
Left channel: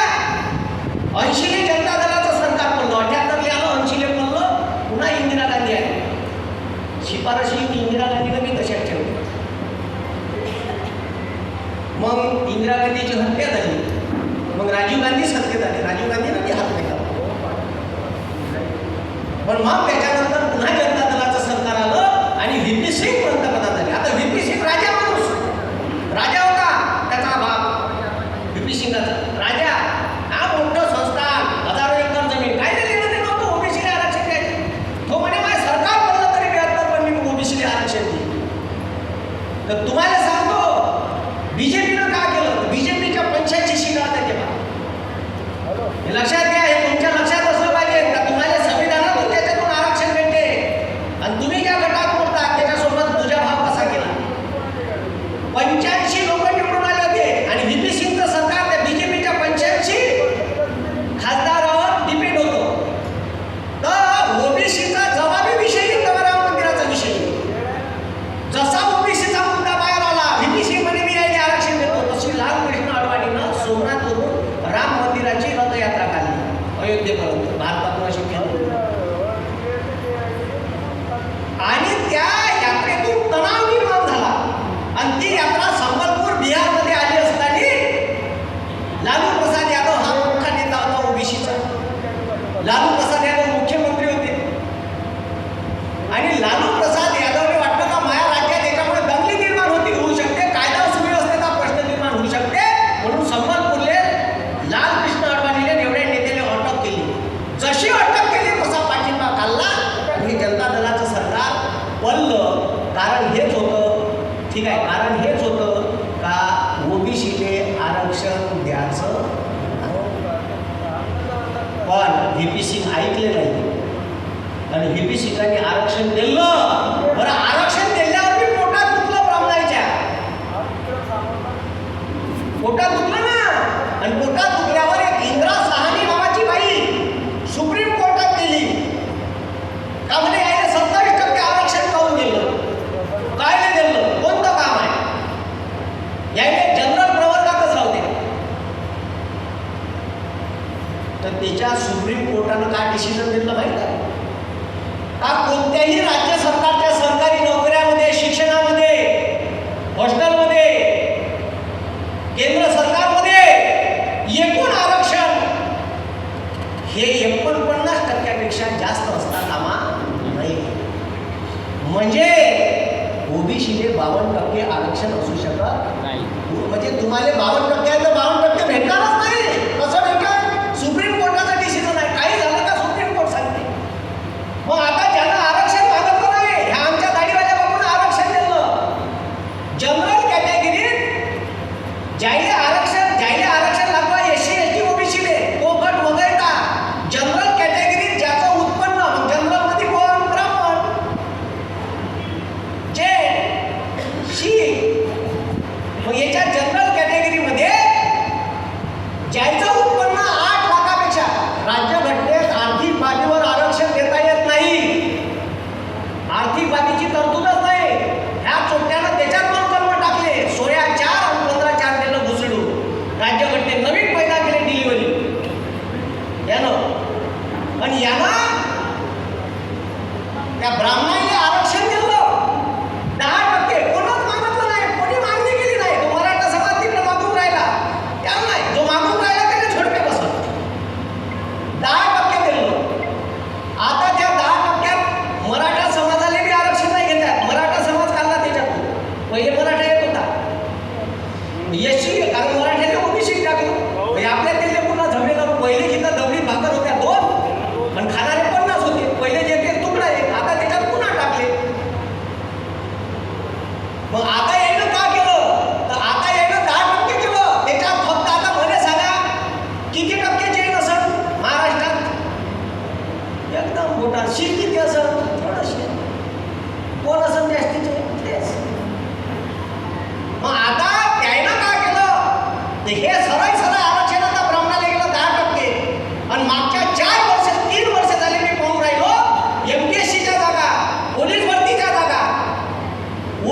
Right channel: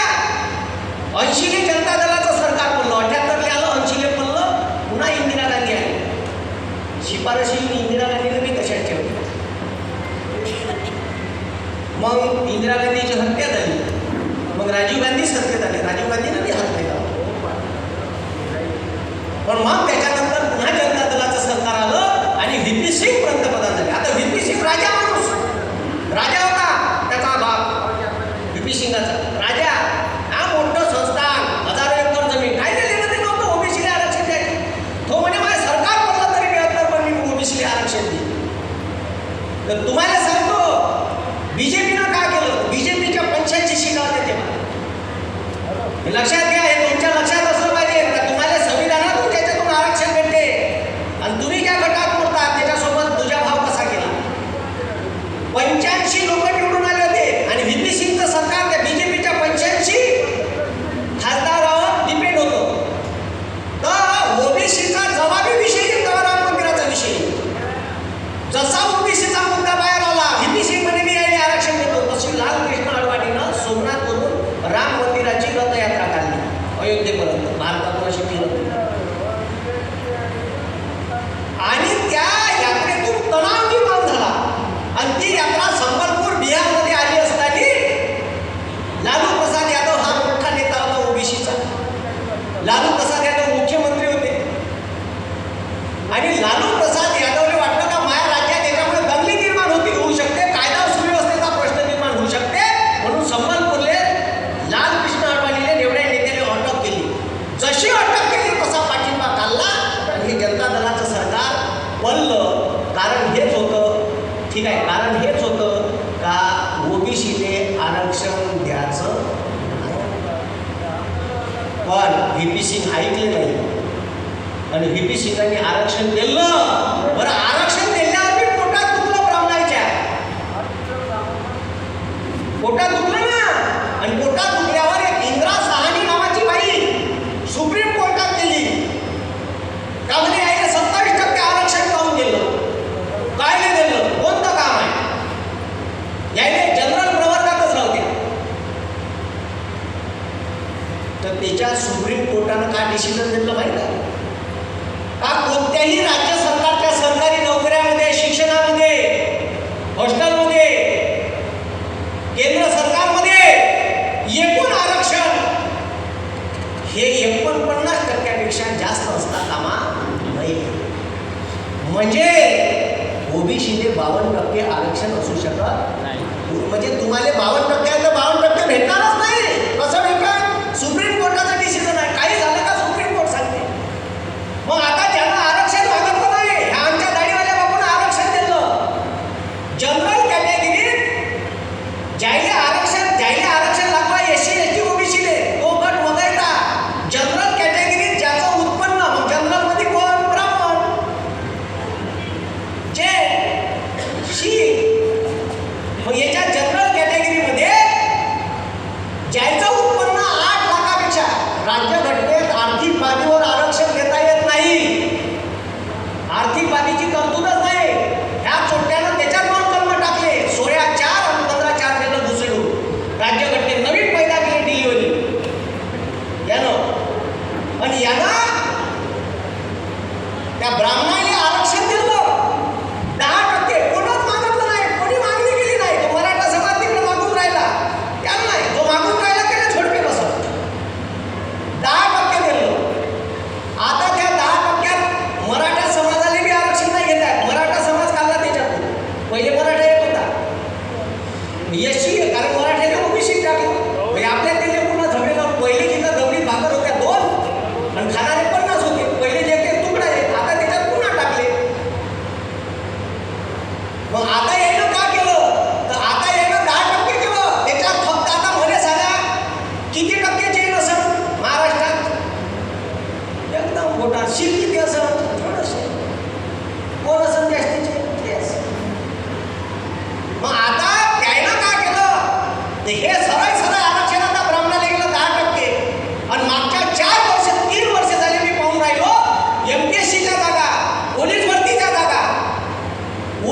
80 जनता दलाचं सरकार पडलं. 78 आलं 80 पडलं. पुन्हा इंदिरा गांधी आली. शिफारशी इंदिरा गांधीने मी तशाच ठेवल्या. मग इंदिरा गांधीची हत्या झाली. मग राजीव गांधी सत्तेत आले. राजीव गांधीनं ती हात केला. पण मग त्याच्यानंतर पुन्हा जनता दलाचं सरकार आलं आणि व्ही.पी. सिंग पंतप्रधान झाले. आता व्ही.पी. सिंग राजा माणूस बीजेपीनं काय केलं? बीजेपीच्या 85 शिगा होत्या तेव्हा. हे लक्षात घ्या, हे तुमच्या लक्षात असलं पाहिजे. तुम्हाला संविधानातून त्याच्यातून आरक्षण भेटते आणि तुम्ही ज्या गटात मोडतात त्याच्यासोबत तुझा भाव कसा केला? 85 लोक निवडून आले होते आणि व्ही पी सिंगचं सरकार त्या बीजेपीच्या 85 खासदारावर डिपेंड होतं. तर ओबीसीचा जबाबी विषय येतो, राम मंदिराचा विषय. जसा ओबीसीचा मुद्दा बाहेर आला, व्ही पी सिंग म्हणे मी यायला आरक्षण देतो, तशी लालकृष्ण अडवाणीनं सोमनाथवरून राम मंदिराची रथयात्रा काढली अयोध्येपर्यंत. भारतातून अशी फिरत आणि त्या यात्रेतून तणाव निर्माण झाला आणि ती यात्रा संबलपूर बिहारमध्ये आली असताना लालू प्रसाद यादव हा मोठा नेता होता ओबीसीचा. लालू प्रसाद यादव मुख्यमंत्री होते आणि लालू प्रसाद यादवने वाटलं का माझ्या राज्यात याच्यामुळे दंगली निर्माण होऊ शकते, कायदा सुव्यवस्थेचा प्रश्न निर्माण होऊ शकते, म्हणून संबलपूरले लालकृष्ण अडवाणीने एवढ्या नेत्याने अटक केली. जशी अटक केली तसा पाठिंबा काढला आणि हे जनता दलाचं सरकार पडलं. कारण हेच होतं, ठीक आहे, कारण हेच होतं का ओबीसीने आरक्षण द्यायचं. पण व्ही पी सिंग ऐकले नाही आणि व्ही पी सिंगांनी आरक्षण दिलं. बरं, आरक्षण दिल्यावर मी पोटात दुखलं ब्राह्मणाच्या, पोटात दुखलं ना. आणि पोटात दुखल्यावर एक इंदिरा साहनी नावाची बाई सुप्रीम कोर्टात गेली का म्हणे याने 27% आरक्षण काढून दिलं. काय नाही दिलं, कोणतं काम आहे? याने जनरल प्रवर्गातच राहू द्या. तर त्याच्या सुप्रीम कोर्टानं काय डिसिजन घेतलं माहिती आहे का? कोणत्याही राज्य सरकारच्या सरकारी नोकऱ्यामध्ये, शिक्षणामध्ये, हॉस्टेलमध्ये, केंद्र सरकारमध्ये एकूण आरक्षण हे 49% जास्त असता कामा नाही. म्हणजे ओबीसीने 52% आरक्षण असू शकत नाही. म्हणजे तुम्हाला 52% आहे तर 52% भेटणारच नाही. कसं भेटणार? सुप्रीम कोर्टाचं डिसिजन आहे. काही झालं का सुप्रीम कोर्ट सांगते. मग आता ज्यांना आरक्षण मागत नाही, ह्या आमच्या दाढीवाल्या बाबून आरक्षण दिलं. जनरल कॅटेगरीत ज्याला आरक्षण लागलं एससी एसटी ओबीसीने तो गट वगळता जनरल कॅटेगरीत ज्याचं उत्पन्न जनरल मध्ये कोण? ब्राह्मण, जे शीख. मग याच्या जनरल कॅटेगरीमध्ये ज्याचं उत्पन्न 8 लाखापेक्षा, राज्यघटनेत आर्थिक बाबीवर आरक्षण देता येत नाही. आर्थिक बाबीची तरतूदच नाही. ह्या चोट्यानं त्याच्यात पण कलम टाकले 16(4) आणि 15(4) केलं घुसडून. राज्यघटनेत नवीन पैदा केले डिलिव्हरी यानं. पण यानं त्या ब्राह्मणाला आरक्षण दिलं 10%. कोणच मागितलं नाही, कोणी मागणी केली नाही. तो मराठा समाज तिकडे मागून राहिला, त्याला नाही. जो मागून राहिला त्याला झोडपे बसत. 10% दिलं. आता त्या 10%त मराठा समाजाला बी आरक्षण नाही घेत आहे. मराठा समाज काढला त्याच्यातून. पहिले मराठा येत होता एससी, कारण मराठ्याने ओबीसी टाकलं. म्हणजे आपल्या तिथे पुन्हा झगडेला पहिले तिथं दगडी भाकर होत्या 2 आणि खाणारे 50 होते. पहिले जे ते तुकडा आहे, आता त्याच्यात पुन्हा टाकले. मग आता यानं काय केलं? तर आता यानं 10% केलं. त्याच्यात फक्त आता मला सांगा किती टक्के जे नसेल महाराष्ट्रात? एकदम मोठा शीर किती असेल? थोडंसं. कोण असेल जास्तीचे? तेच. मग आता त्यानं काय केलं? हे सरळ आरक्षण आता ब्राह्मणाला गेलं 10%. आणि मागच्या 3 वर्ष झाली मी पाहून राहिलो एमपीएससीच्या जागा, पोलीस भरतीच्या जागा,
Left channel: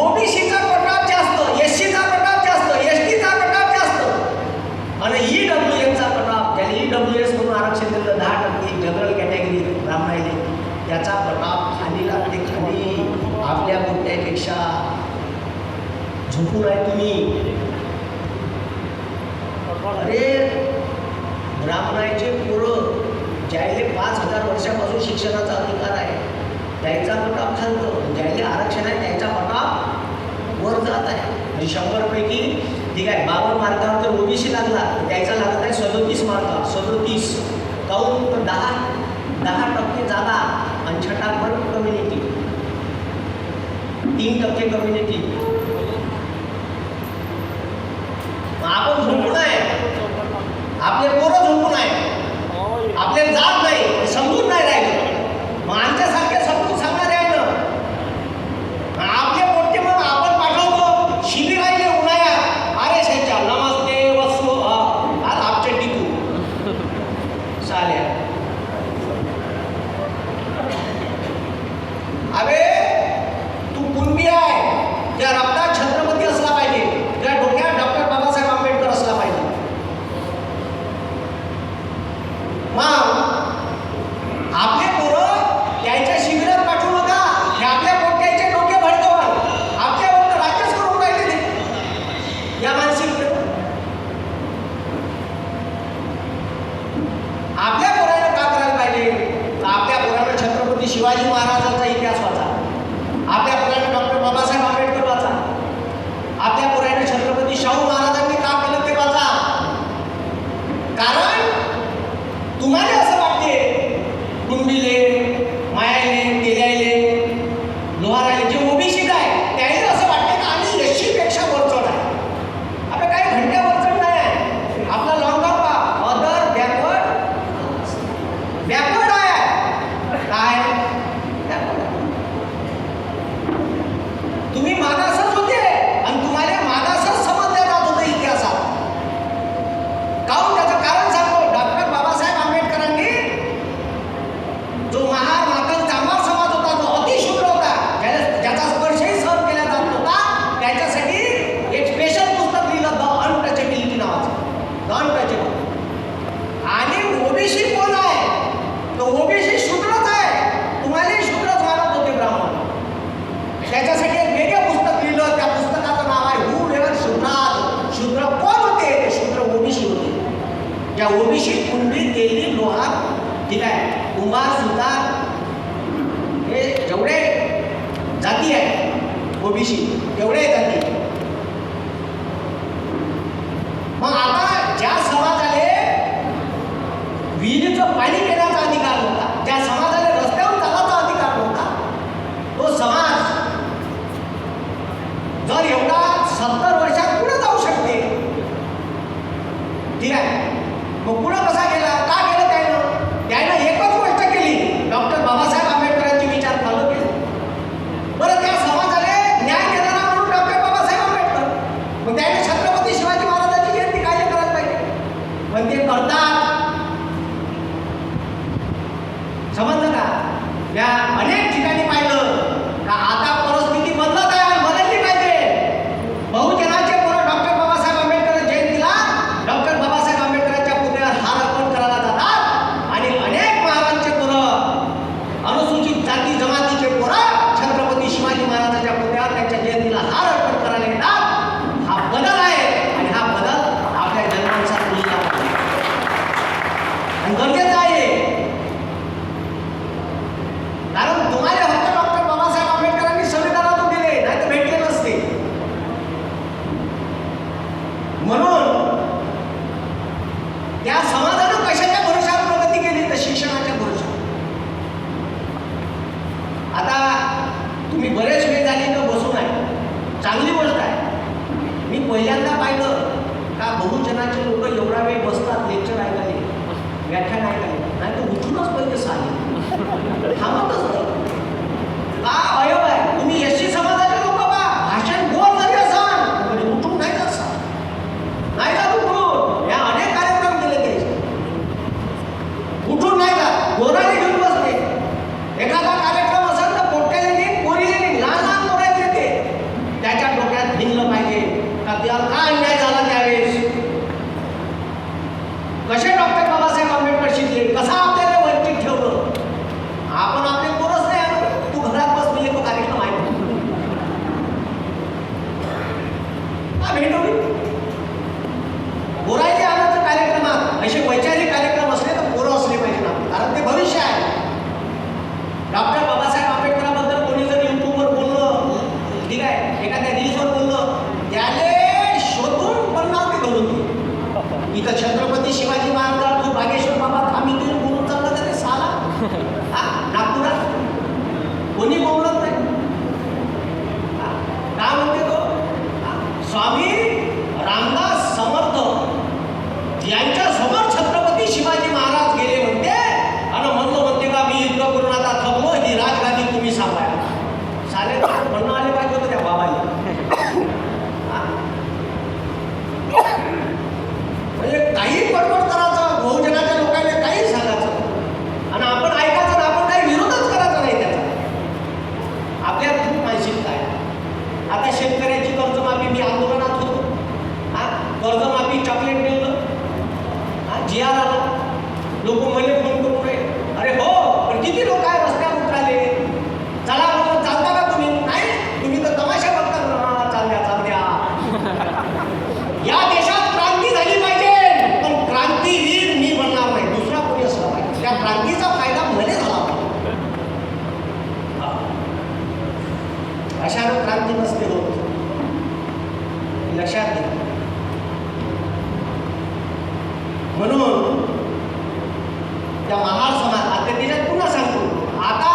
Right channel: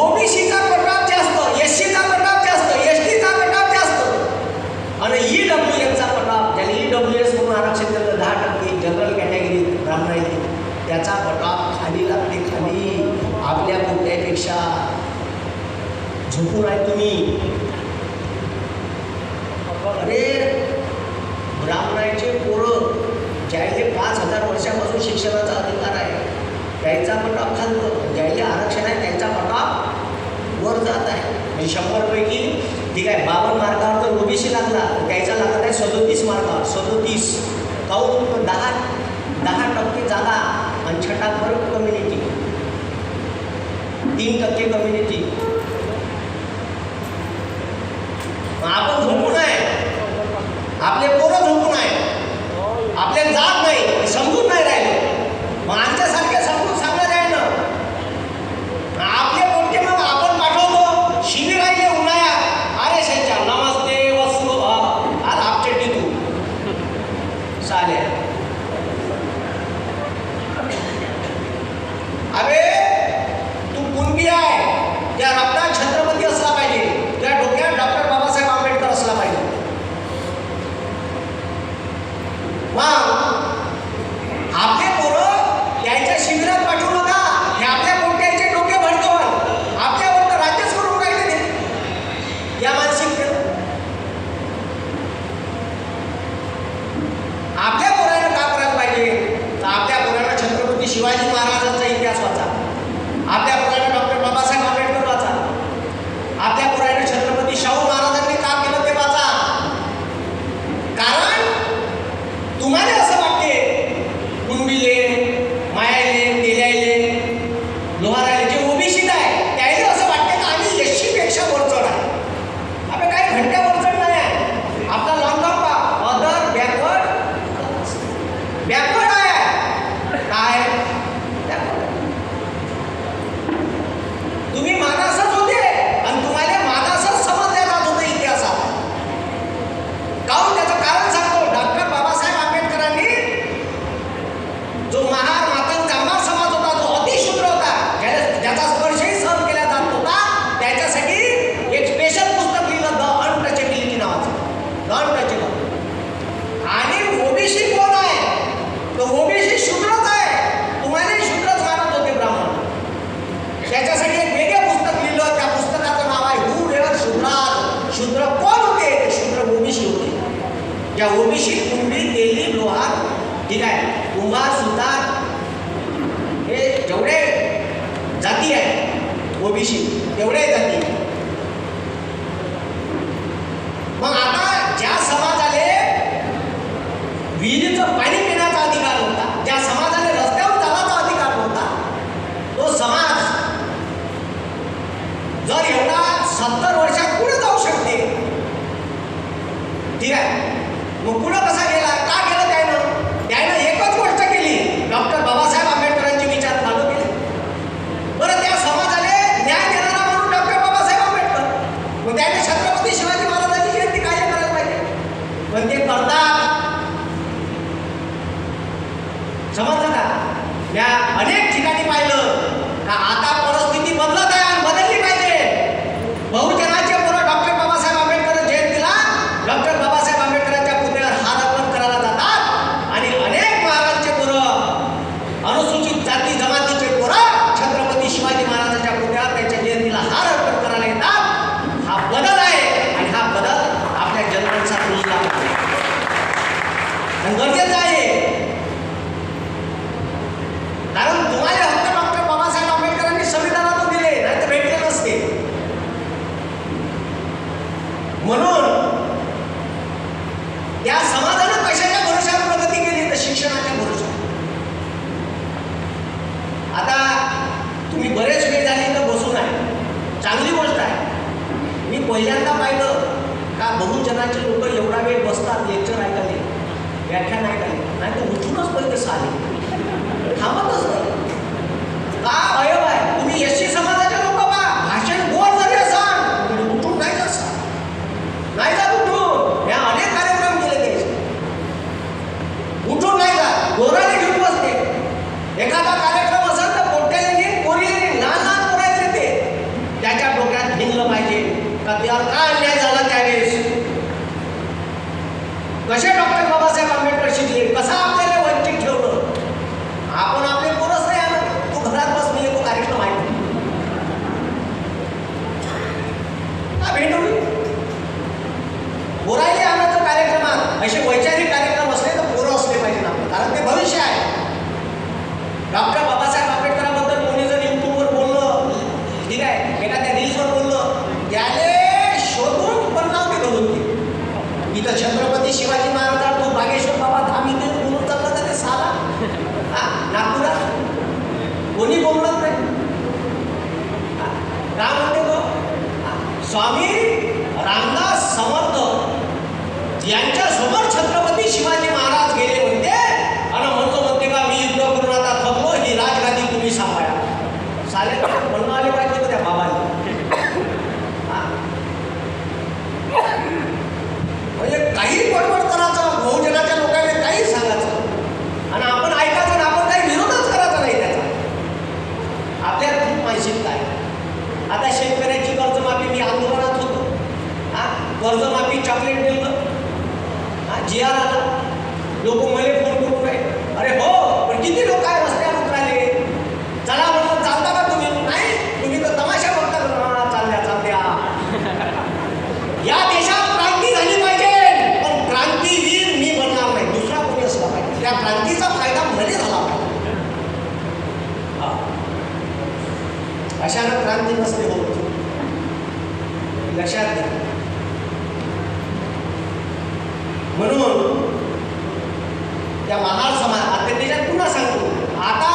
ओबीसीचा कटऑफ जास्त, एससीचा कटऑफ जास्त, एसटीचा कटऑफ जास्त आणि ईडब्ल्यूएसचा कटऑफ, ज्याला ईडब्ल्यूएस म्हणून आरक्षण दिलं 10% जनरल कॅटेगरीत ब्राह्मणाला, त्याचा कटऑफ खाली लागते. खाली आपल्या कोणत्यापेक्षा झोपून आहे तुम्ही. अरे ब्राह्मणाचे पोरं ज्याले 5000 वर्षापासून शिक्षणाचा अधिकार आहे त्यांचा कटऑफ खालतं, ज्याले आरक्षण आहे त्यांचा कटऑफ वर जात आहे. म्हणजे 100 पैकी ठीक आहे 52 मार्कावर तर ओबीसी लागला, त्याचा लागत आहे 37 मार्कावर. 37 काहून? 10% जागा आणि छटाक कम्युनिटी, 3% कम्युनिटी. या मानसिकतेनं आपल्या पोरानं का करायला पाहिजे? तर आपल्या पोरानं छत्रपती शिवाजी महाराजांचा इतिहास वाचा, आपल्या पोरानं डॉक्टर बाबासाहेब आंबेडकर वाचा, आपल्या पोरानं छत्रपती शाहू महाराजांनी का केलं ते वाचा. कारण तुम्हाला असं वाटते कुणबीले, मायाले, तेल्याले, लोहाराले जे ओबीसी आहे त्याला असं वाटते की आम्ही एससी पेक्षा वरचढ आहे. आपण काय घंट्या वरचढ नाही आहे. आपला लॉंगर पा अदर बॅकवर्ड आहे. काय तुम्ही मागासच होते आणि तुम्हाला मागासच समजल्या जात होतं इतिहासात. काहून? त्याचं कारण सांगतो. डॉक्टर बाबासाहेब आंबेडकरांनी जो महार मातंग कामगार समाज होता, जो अतिशूद्र होता, ज्याचा स्पर्शही सहन केला जात नव्हता, त्याच्यासाठी एक स्पेशल पुस्तक लिहिलं, द अनटचेबिलिटी नावाचं. The untouchable. आणि ओबीसी कोण आहे? तर ओबीसी शूद्रच आहे. तुम्हालाही शूद्रच मानत होते ब्राह्मण. त्याच्यासाठी एक वेगळं पुस्तक लिहिलं. त्या पुस्तकाचं नाव आहे हू वेअर शूद्रार. शूद्र कोण होते? शूद्र ओबीसी होते. या ओबीसी कुणबी, तेली, लोहार, ठीक आहे, कुंभार, सुतार, हे जेवढे जाती आहे ओबीसी तेवढे जाती. मग आता ज्या समाजाले विहिरीचं पाणी पिण्याचा अधिकार नव्हता, ज्या समाजाला रस्त्यावर चालायचा अधिकार नव्हता, तो समाज जर एवढा 70 वर्षात पुढे जाऊ शकते, ठीक आहे, मग पुढे कसा गेला? का गेलं त्यानं एकच गोष्ट केली. डॉक्टर बाबासाहेब आंबेडकरांचे विचार फॉलो केले. बरं, त्या समाजाला न्याय देणारा म्हणून डॉक्टर बाबासाहेब आंबेडकर. मग त्याने छत्रपती शिवाजी महाराजांची जयंती काय करायला पाहिजे? पण ते करतात. समजलं का? या अनेक ठिकाणी पाहिलं का आता परिस्थिती बदलत आहे आणि बदलली पाहिजे. बहुजनाचे पोरं डॉक्टर बाबासाहेब आंबेडकर जयंतीला डॉक्टर बाबासाहेब आंबेडकरांच्या पुतळ्यावर हार अर्पण करायला जातात आणि अनेक महाराजांचे पोरं, अनुसूचित जाती जमातीचे पोरं छत्रपती शिवाजी महाराजांच्या पुतळ्यावर त्यांच्या जयंतीला हार अर्पण करायला येतात. हा बदल आहे आणि हा बदल आपल्या जनमानसात रुजला पाहिजे आणि गरजेचा आहे. कारण तुम्हाला हक्क डॉक्टर बाबासाहेब आंबेडकरांनी संविधानातून दिले, नाही तर भेटले नसते. म्हणून त्या समाजानं कशाच्या भरोशावर प्रगती केली? तर शिक्षणाच्या भरोशावर. आता तुम्ही बरेच वेळ झाली तर बसून आहे, चांगली गोष्ट आहे. मी पहिल्यांदा पाहिलं का बहुजनाचे लोक एवढा वेळ बसतात लेक्चर ऐकायला, व्याख्यान ऐकायला, नाही तर उठूनच पहिले साले थांबतच नाही. का अयब आहे? तुम्ही एससी समाजाचे लोक बा भाषण गोल झाले सांग, उठून नाही जात सांग, नाही जात उठून. या अनेक कार्यक्रम केले त्याचे, उठून नाही जात, गोराने घेऊन बसते. एखादा कार्यक्रम असेल तर पोट्या येईल, पोरी येईल, लहान लहान पोरायचे ते, त्याच्या डोक्यात भिनलं पाहिजे का त्याला का अन्याय झाला त्यावेळेस, कसे डॉक्टर बाबासाहेब आंबेडकर शिकले, कसा आपल्याला वंचित ठेवलं. आपण आपले पोरच नाही आणत. तू घरात बस म्हणजे तो कार्यक्रम आहे भेटून बोरायचे आणायचं कार्यक्रमात. असे वैचारिक कार्यक्रम असले तर पोरं असले पाहिजे ना, कारण ते भविष्य आहे. डॉक्टर बाबासाहेब आंबेडकरांबद्दल कोणी जर युट्यूबवर बोललं, ठीक आहे, एखाद्या रील्सवर बोललं, त्याने शोधून बनलावते घालून ते. इथं छत्रपती शिवाजी महाराज तो बागेश्वर बाबा धाम इथे बोलून चाललं तर ते साला नागपुरात कोणी बोलत नाही. का म्हणते तो? स्वामी रामदास समर्थ यांच्या समोर छत्रपती शिवाजी महाराज गेले म्हणते आणि म्हणते का मी युद्ध करून आता थकलो, ही राजगादी तुम्ही सांभाळा. साले म्हणणं आले पाहिजे त्या बाबाला. म्हणजे काही पटपट करायचं, बहुजनाच्या लोकांना काही सांगायचं आणि आपण ऐकायचं आणि आपण काही विरोधच करायचा नाही त्याचा. आपल्या खूप मानसिकता आहे. आता शेतकऱ्याची कर्जमाफी, मी आंदोलनात होतो, कर्जमाफी चॉकलेट दिलं, जी आर आला, लोक मला फोन करून राहिले, अरे हो पण किती लोक आहे रस्त्यावर उतराले, चला म्हणून चालता का तुम्ही? नाही, तुम्ही तर तमाशा बघता. चालल्या चालल्या या देशात क्रांती झाली पाहिजे, पण क्रांतीवीर मी बनणार नाही, दुसरा कोणी असला पाहिजे. त्या क्रांतीचा फायदा भले झाला पाहिजे. अशानं क्रांती नसते होत, लक्षात घ्या. म्हणून त्या महार समाज आता त्याच्यात पुन्हा सांगतो, आता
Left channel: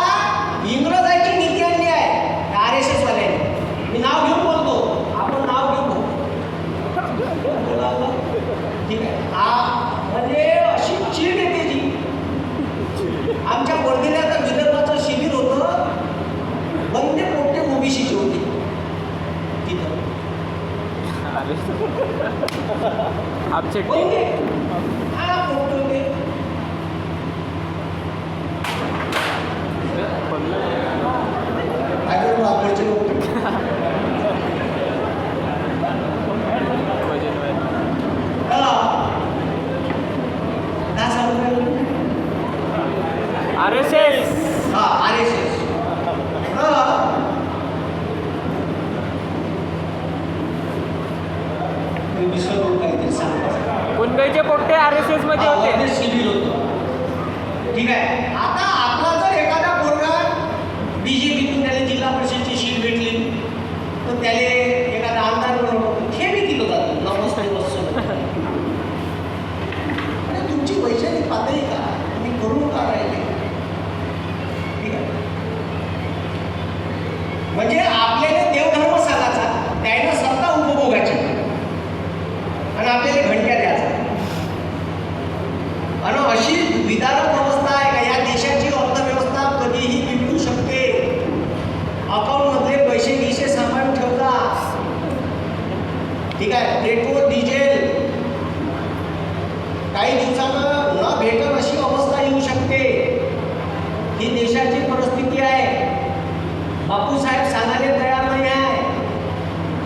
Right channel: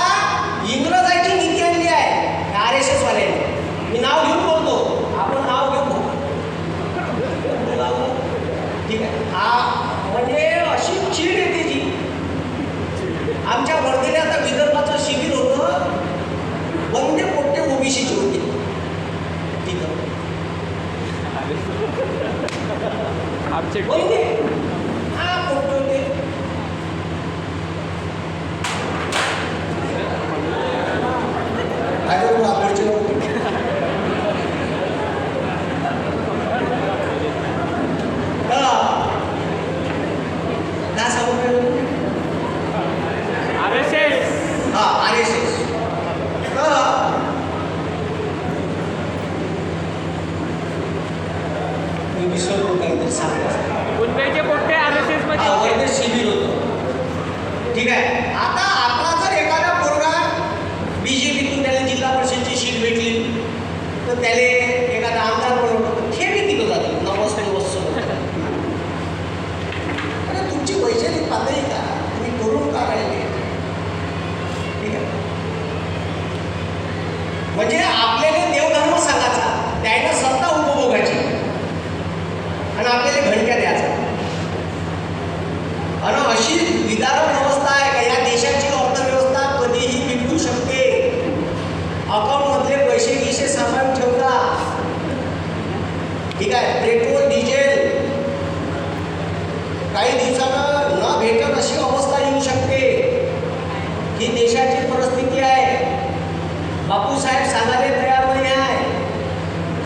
इंग्रजांची नीती आणली आहे RSS वाल्याने. मी नाव घेऊन बोलतो, आपण नाव घेऊ ठीक आहे. म्हणजे अशी चीड येते जी. आमच्या वर्धेला विदर्भाचं शिबिर होतं, वंदे पोट्टे ओबीसीची होती तिथं. वंदे पोट्टे होते. मुंबईचे पोट्टे RSS मध्ये होते. शिबिर होतं. ठीक आहे. आता आपला जर एखादा पोरगा BJPतून त्याला जिल्हा परिषदेची शीट भेटली तर त्याला एखादा आमदार बनवतो, हे मी तिथं जाते नमस्ते वस्तू. अरे तुमची वैचारिक पातळी का, तुम्ही करून का राहिले. ठीक आहे. म्हणजे आपल्याला देवधर्म सांगायचा, त्याने सत्ता उपभोगायची आणि आपल्याला घणक्या द्यायचा. आणि अशी विधान व्यवस्था आहे का या देशाची अर्थव्यवस्था कधीही बिघडू शकते. अकाउंटमधले पैसे गिसे सांभाळून ठेवता. ठीक आहे. पेट्रोल डिझेल काही दिवसानं न भेटत अशी अवस्था येऊ शकते. ही देशाची परिस्थिती आहे. बापूसाहेब सांगायला तयार नाही आहे.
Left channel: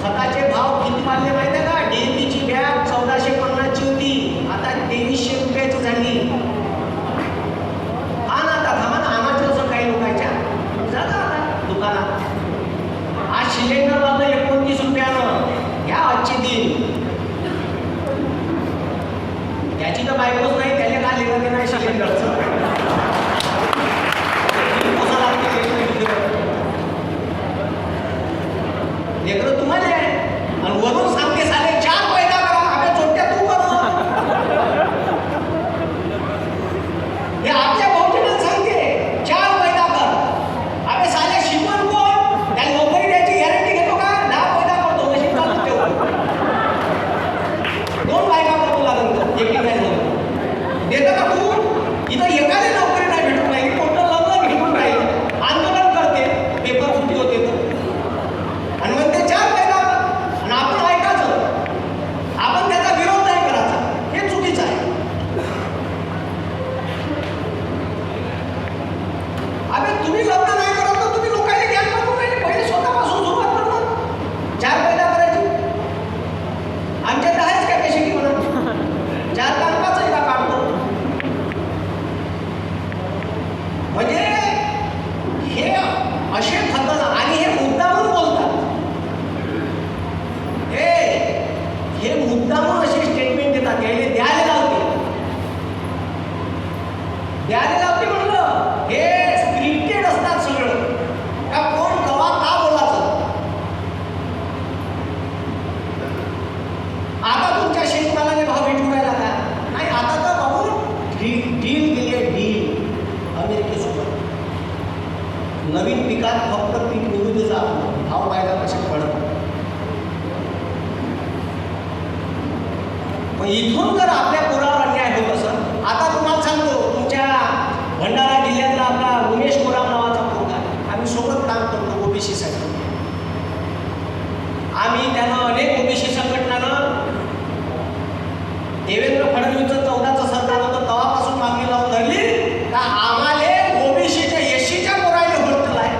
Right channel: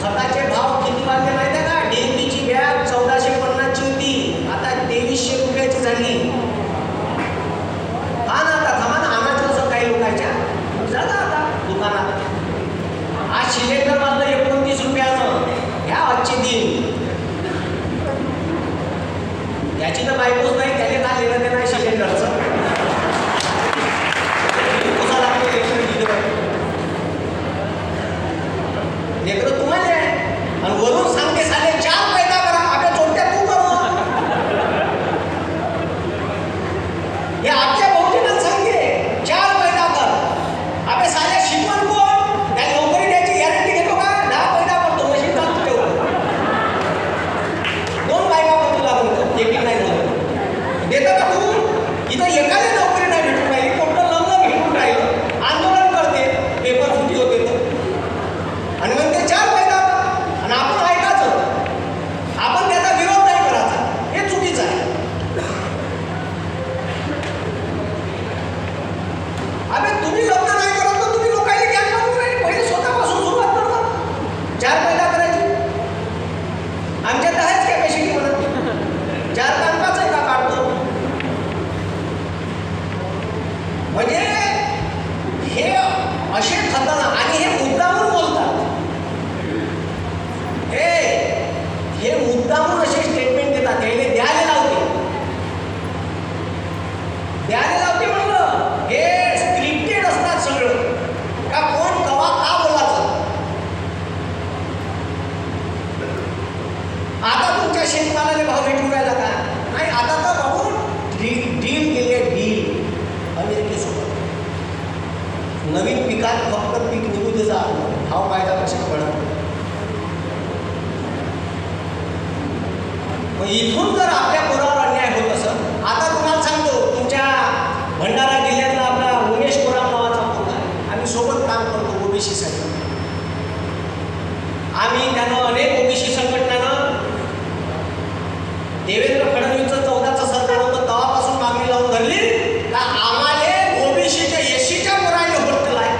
खताचे भाव किती वाढले माहिती आहे का? DAPची बॅग 1450ची होती, आता 2300 रुपयाची झाली. हा ना, आता थांबा ना, आणायचं असं काही लोकांच्या जा ना आता दुकानात. आज सिलेंडर लावलं 29 रुपयानं, घ्या आजची दिन. याची तर बायकोच नाही, त्याला का लेणं देणं सिलेंडरचं. कसा लागते लेकरं तुम्हाला आहे. आणि वरून सांगते साले 4 पैदा करा, आपल्या चोट्या तू करू. हे आपल्या बहुजनात सांगते 4 पैदा कर. आपल्या साल्या शिकवण कोण, त्या नोकरी द्यायची गॅरंटी घेतो का? 10 पैदा करतो, मशीन चालू ठेवतो. 2 बायका करतो लागून एक नाही झालं देतं का तू? इथं एकाने नोकरी नाही भेटत नाही, कोणतं लग्न भेटून राहिलं, आंदोलन करते, पेपर फुटी होते तर. आणि मग ते 4 पैदा आणि आपण ऐकायचं, आपण त्याचा विरोध नाही करायचा, हे चुकीचं आहे. अबे तुम्ही लग्न नाही करत तर तुम्ही लोकांनी ज्ञान करून नाही, पहिले स्वतःपासून सुरुवात करा. 4 पैदा करायची. आमच्यात तर आहेच काय कशी म्हणून 4 तांबाच आहे का काढतो. म्हणजे हे असे खतरनाक आणि हे मुद्दामून बोलतात. हे मुद्दामून असे स्टेटमेंट देतात, यायले द्यायला लावते म्हणलं. हे स्क्रिप्टेड असतात सगळं, का कोण कवा का बोलायचं. आता तुमच्या शेतमालाने भाव भेटून राहिला का नाही. आता तर बाबू डील दिली आहे, डील अमेरिकेसोबत. नवीन पिकात फक्त पीक निघू देजा, भाव पाहायचा लक्षात पडत. इथून जर आपल्या पोरावर अन्याय होत असं, आता तुम्हाला सांगतो, तुमच्या भंडारा जिल्ह्यातला आपला उमेश कोराम नावाचा मुलगा आहे, आम्ही सोबत काम करतो ओबीसी साठी. आम्ही त्यांना अनेक ओबीसी संघटनानं देवेंद्र फडणवीसचं 14चं सरकार होतं तेव्हापासून मागणी लावून धरली का आम्हाला ओबीसीच्या एससीच्या पोरायला हॉस्टेल आहे,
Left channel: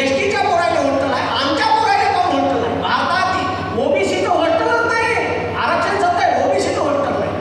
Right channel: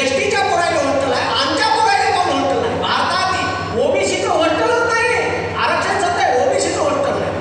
एसटीच्या पोरायला हॉस्टेल आहे, आमच्या पोरायला कोण हॉस्टेल आहे. भारतात ओबीसीचं हॉस्टेलच नाही, आरक्षण सत्य आहे, ओबीसीचं हॉस्टेल आहे.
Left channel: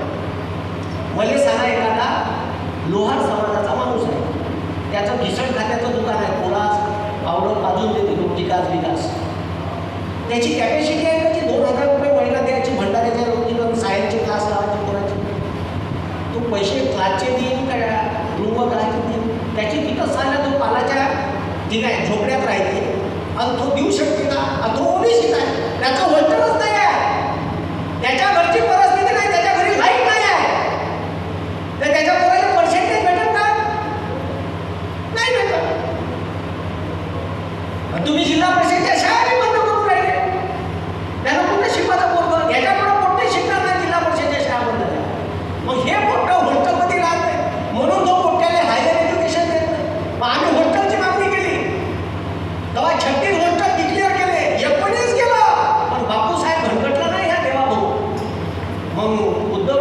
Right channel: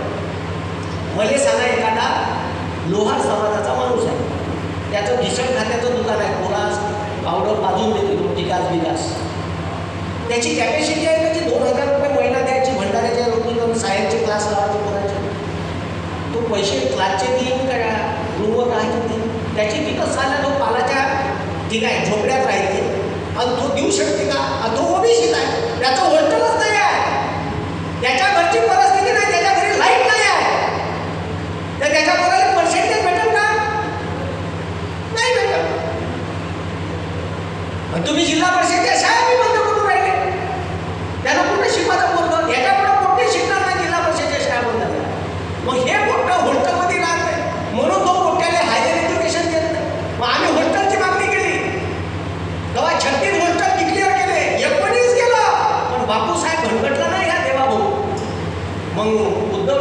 मग उद्धव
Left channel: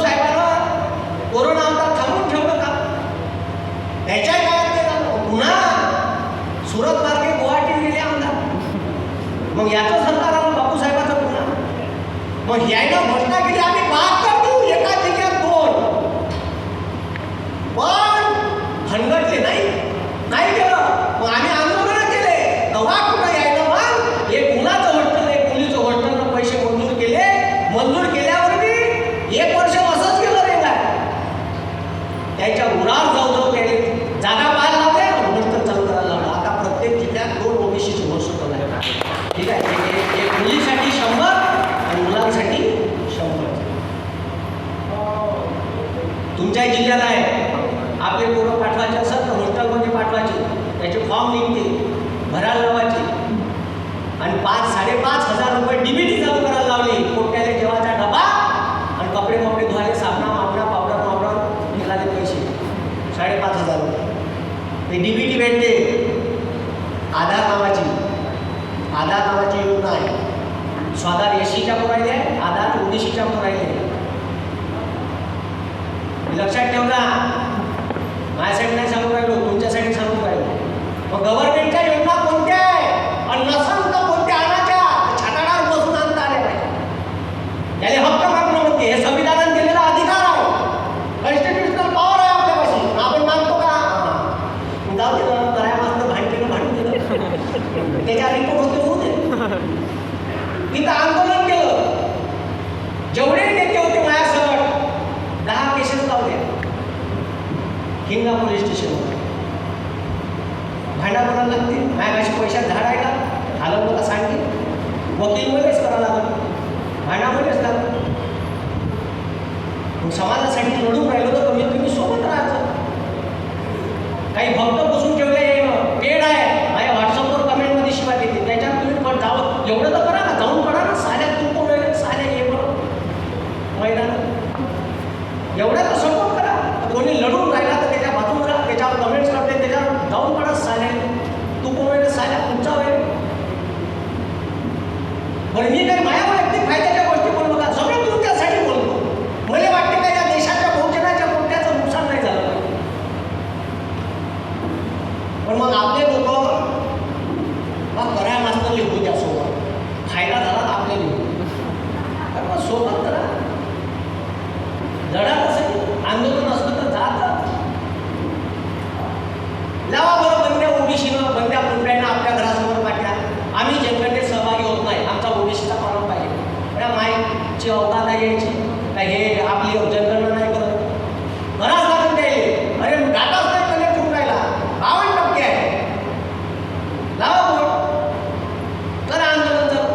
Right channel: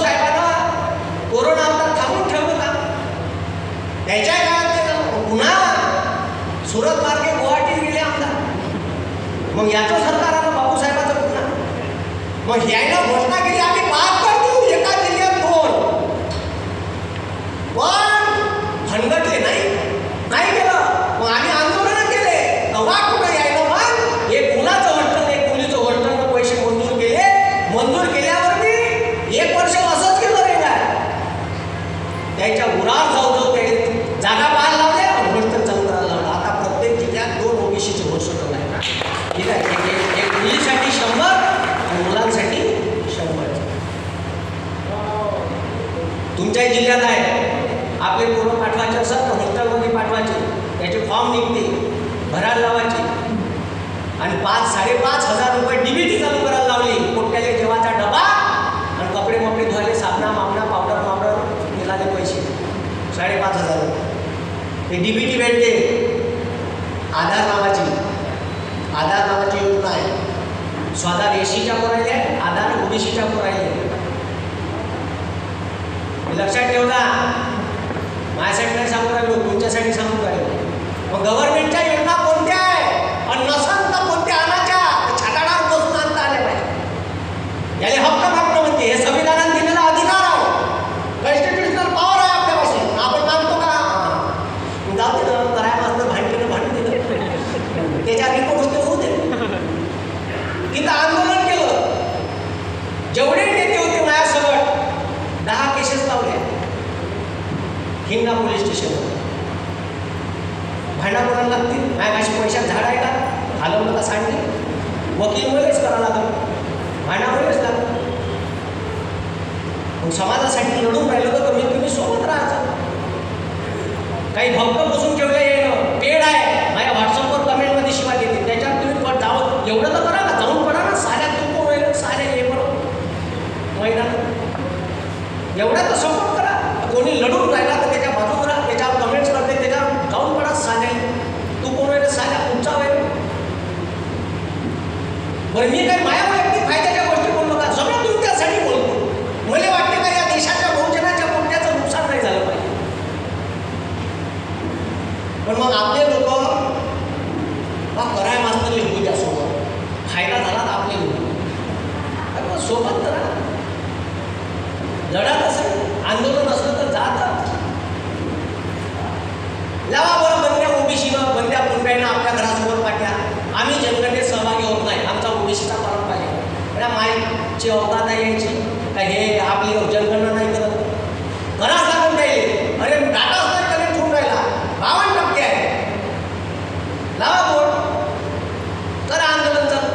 साहेबांना कोरोना आता थांबून ठेवलं का? त्याच्या काळात ते पुन्हा सुरत मार्गे गुवाहाटीत गेले आमदार. मग याचं सरकार आलं बापूसाहेबाचं पुन्हा. मग यायला घोषणा केली आम्ही 72 एका जिल्ह्यात 2. पण हनगटले नाही केलं. मग आम्ही आंदोलन केले. तेव्हा कुठं यायला मग एक मुलाचं हट्ट एक मुलीचं हट्ट पैसे मंजूर केले. मंजूर केल्यावर मी 1 वर्ष असंच केलं रे का त्याच्या उरावर जाऊ केले जागा पाहायला लावल्या भ्रष्ट चालू करायला लागला. आता प्रत्येक जिल्ह्यात 2 ओबीसीचे घोषणा आहे. ठीक आहे. एक मुलीसाठी 100 आणि मुलांसाठी 100. तुमच्या जिल्ह्यात आहे आपले पोरं पाठवायचे असं तर हॉस्टेलमध्ये पाठवायचे. त्याचे फॉर्म निघते भरायला लावायचे आणि 5,500 रुपये DBT चालू करायला लावली. कोट्याले जेवाचा डबा आणि कपडे धुवायला साबणा पावडर मिळाले पैसे 5,500 रुपये. हे DBT भेटते. आधार नावाची योजना आहे. स्वतः एसीच्या वर राहिले आधार ओबीसीच्या वर राहिले. लक्षात ठेवला. माझ्यासाठी नाही सांगू राहिलो तुमच्यासाठी सांगू राहिलो. मग गव्हर्नमेंटच्या योजना कोणत्या आहे आणि नसन तर कोणत्या आणायच्या छाताडावर बसून आणता आल्या. याले हक्क मागणं म्हणते. हे संविधानाने दिलेला अधिकार आहे. कॉन्स्टिट्युशनल पॉवर आहे आपल्यापासून. आपण मानतो का? जाऊ दे कराय मात्र भांडून दिलं त्याच्या रिपोर्ट होऊ दे. तिथं आंदोलन केलं. जेवढे नेते होते माझ्यासकट 10 केसेस लावल्या हिंगणा पोलीस स्टेशनवर. भांडा लागतील माझ्याशी पैशात झाडायला हलवलं का सांगले वकीलमुळेच करावं लागलं. भांडामुळेच लागलं. मग समाजासाठी लढून राहिलो तर कमीत कमी सोबत राहायचं. काही भक्त बसून ठेवले पेड आहे माझ्या व्हॉट्सअपवर कमेंटमध्ये शिवाय देते. त्याच्यात तुम्ही जावं एवढं तर करा ना. जाऊन पडा ना. साऱ्यात तू कोण होईल साऱ्या मैदान एवढा तर सपोर्ट करा. कोणी लढून राहिला तर त्याच्या बाजूवर राहा. त्याच्यावर कमेंट्स करते त्याच्यावर जाऊन पडा. साऱ्या तू कोण होईल साऱ्या तुमचा होईल. बरं मी काही माझ्या व्यक्ती फायद्याच्या गोष्टी बोललो का? सगळं तुमच्यासाठी बोलतो. मला वाटतं का या देशाच्या बहुजनाच्या कोणत्याचं नुकसान नाही झालं पाहिजे. पण मग आपले लोक कराय मास्तर लिहू द्या सोबत. फायदा झाला तर आपले लोक मग सोबत तर लढत असेल आंदोलन असलं तर जात लावा बरं. बंद्या ओबीसीनं बंद्या कुंड्यानं आपल्या घरासमोर पाठ्या. आम्ही जनगणनेत सहभागी होत नाही. आमचा ओबीसीचा पालन पाहिजे. अरे मायची अवतार नाही यायची का हे आपली जनगणना नाही करत. घरात लागून द्यायले. अरे डाटाच नाही कनेक्ट होऊन राहिला. 52% आहे. लावा बोर्ड करा आंदोलन चालू.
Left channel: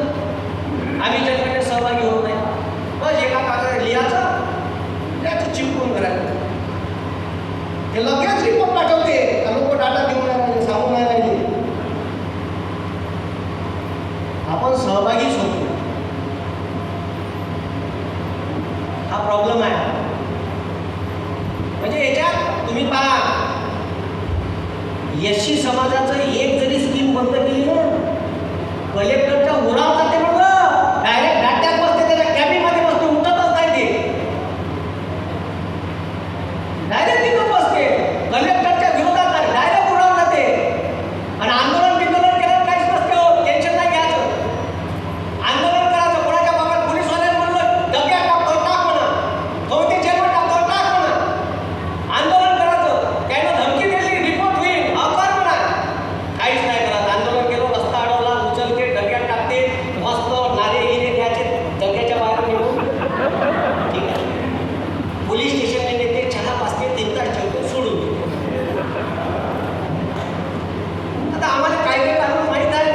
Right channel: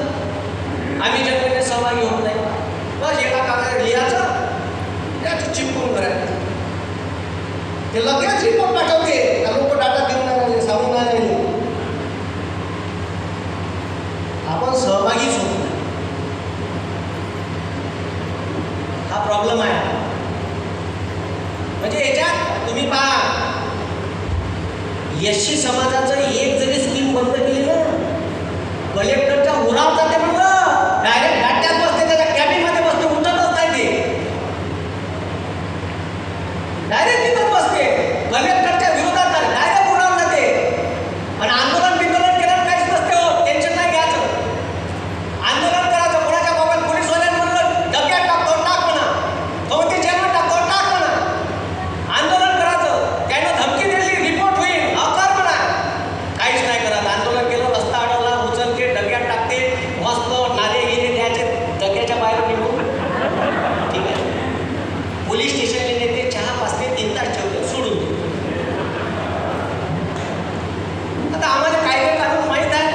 आम्ही जनगणनेत सहभागी होत नाही. बस एका कागदावर लिहायचं त्याचं चिपकून करायचं. ते लगेच रिपोर्ट पाठवते. लोक डाटा देऊन राहिले सांगून राहिले. आपण सहभागीच होतो. हा प्रॉब्लेम आहे. म्हणजे याच्यात तुम्ही पहा एससी समाजाचं एक जरी स्कीम बंद केली ना कलेक्टरच्या उरावर जाते म्हणलं. डायरेक्ट डाट्यात बसते त्याच्या कॅबिनमध्ये बसते. उठतच नाही ते. डायरेक्ट तिथं बसते. कलेक्टरच्या विरोधात डायरेक्ट उडावून जाते. आणि आंदोलन केलं काहीच नसते. हो टेन्शन नाही घ्यायचं. आंदोलन करायचं. कोणाच्या बाबत पोलीसवाल्यानं म्हणलं डब्यात टाक म्हणा. कवटे जेवण टाक म्हणा. आंदोलन करायचं. त्यानं धमकी दिली रिपोर्ट होईल कर म्हणा. काहीच नाही करत. आंदोलन केलं रस्ता अडवला उचलते डब्यात टाकते मस्त नारे गिरे द्यायचे डब्याच्या बाहेर निघून. ठीक आहे. पोलीस स्टेशनला नेते चहा पाचते 3 तास ठेवतो सोडून देतो. आता आम्हाला कायदे कानून माहीत आहे.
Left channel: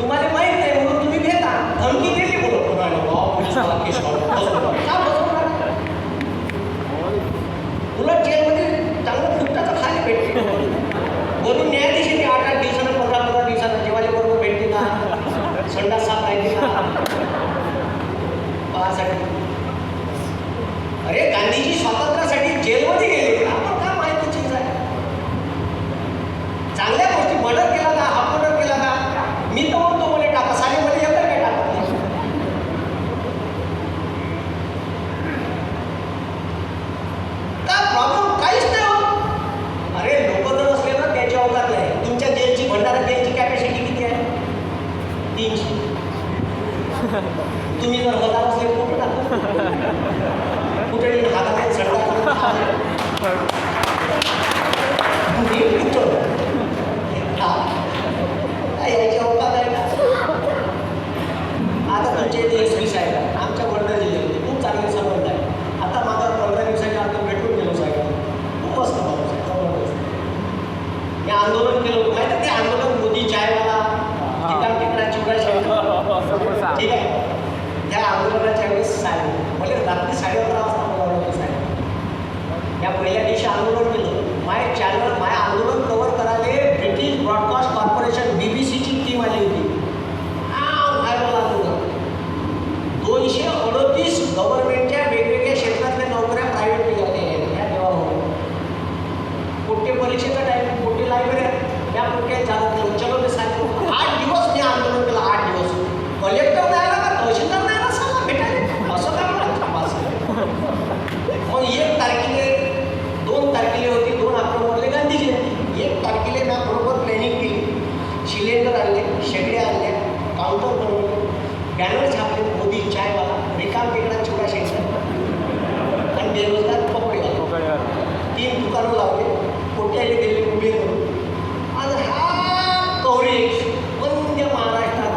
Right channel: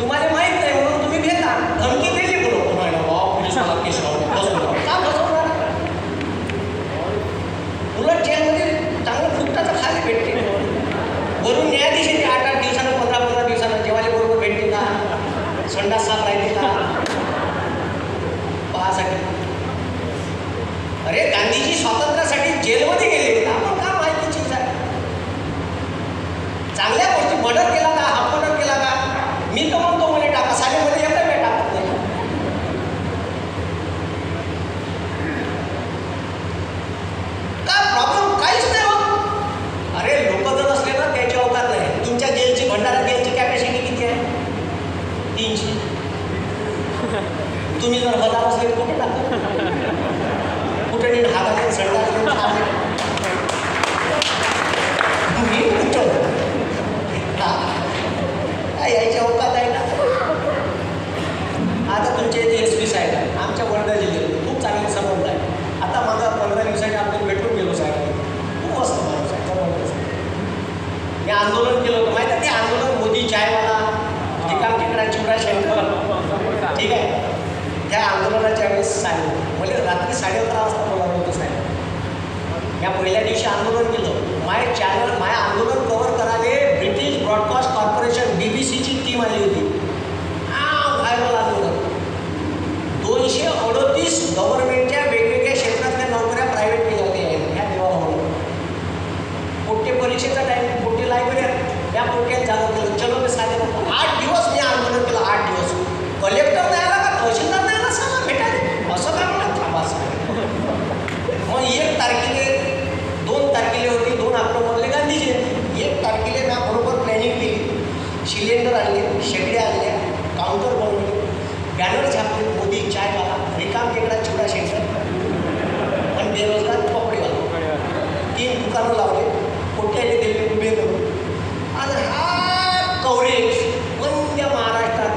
तुम्हाला माहीत नाही म्हणून तुम्ही घेता. धमकी दिली कोणाला पोलीसवाला केस लावतो का बसवणार. उलट जेलमध्ये चांगलं फुटताचं खाली भेटते. वरून न्यायाधीश 8-8 दिवसानं 15-15 दिवसानं जेवायला बरोबर भेटते का संडास साफ राहिली का पाहासाठी. अरे गांधीजी स्वातंत्र्यासाठी जेलमध्ये गेले. आपण काय माहिती चीज आहे. चांगल्या गोष्टी मर्डर केला का हा मर्डर केला का मी तर म्हणतो मला टाका. साहेब मला एवढं काय टाकत नाही. तुम्ही जर बघा असेल कुठे टाका कुठे हाताने सडा यायच्या अवकात आहे ना. आता तुमच्या इथे एस पी साहेब आहे, आमच्या वर्धा जिल्ह्यात खूप चांगले संबंध आहे. आता माझा 15 दिवसांनी आपण भेटून गेलो साहेब, खूप मस्त माणूस आहे, जबरदस्त. मी आंदोलन केलं होतं माहिती आहे, ते आंदोलन मोदी चायवाला ठिकाण ठिकाणा चुडा शेंकर, ठीक आहे. त्या आंदोलनाच्या वेळेस साहेब म्हणजे रात्री 11:30 वाजता बोलावलं होतं साहेब. या पहिल्या दिवशी आंदोलन केलं. माय चॅनल माय आंदोलन कव्हर करायला ब्रिटिश ब्रॉडकास्ट कॉर्पोरेशन BBCची टीम आली होती. व्हायरल आंदोलन 238 गव्हर्नमेंटच्या वेगवेगळ्या क्षेत्रातल्या नोकऱ्या प्रायव्हेट केल्या होत्या या देवाभाऊ. पोट्टे परीक्षेचा टाईम, पोट्टे लायब्ररी या पोट्यात जाणं केलं. चलो मी सांगितलं 8 दिवस मी आंदोलन केलं. 8 दिवस कलेक्टर नाही आला का तहसीलदार नाही आला सांगा भेटायला असं काय म्हणा थांबास. मग 1 तारखेला 2 तारखेला होती 2 ऑक्टोबरला गांधी जयंती. 1 तारखेला मी बरोबर प्लॅनिंग केली. सिलेंडर आणले, शेगड्या आणल्या, काउंटर बनवले, बॅनर छापले मोदी चायवाला, रिकाम टेकडा छोटा शेंकर आणि बेरोजगार कपडेवाला. 3 दुकानं लावले, कोट्याले दिले उभे करून. आणि हा कव्हरेज वंद्य महाराष्ट्रात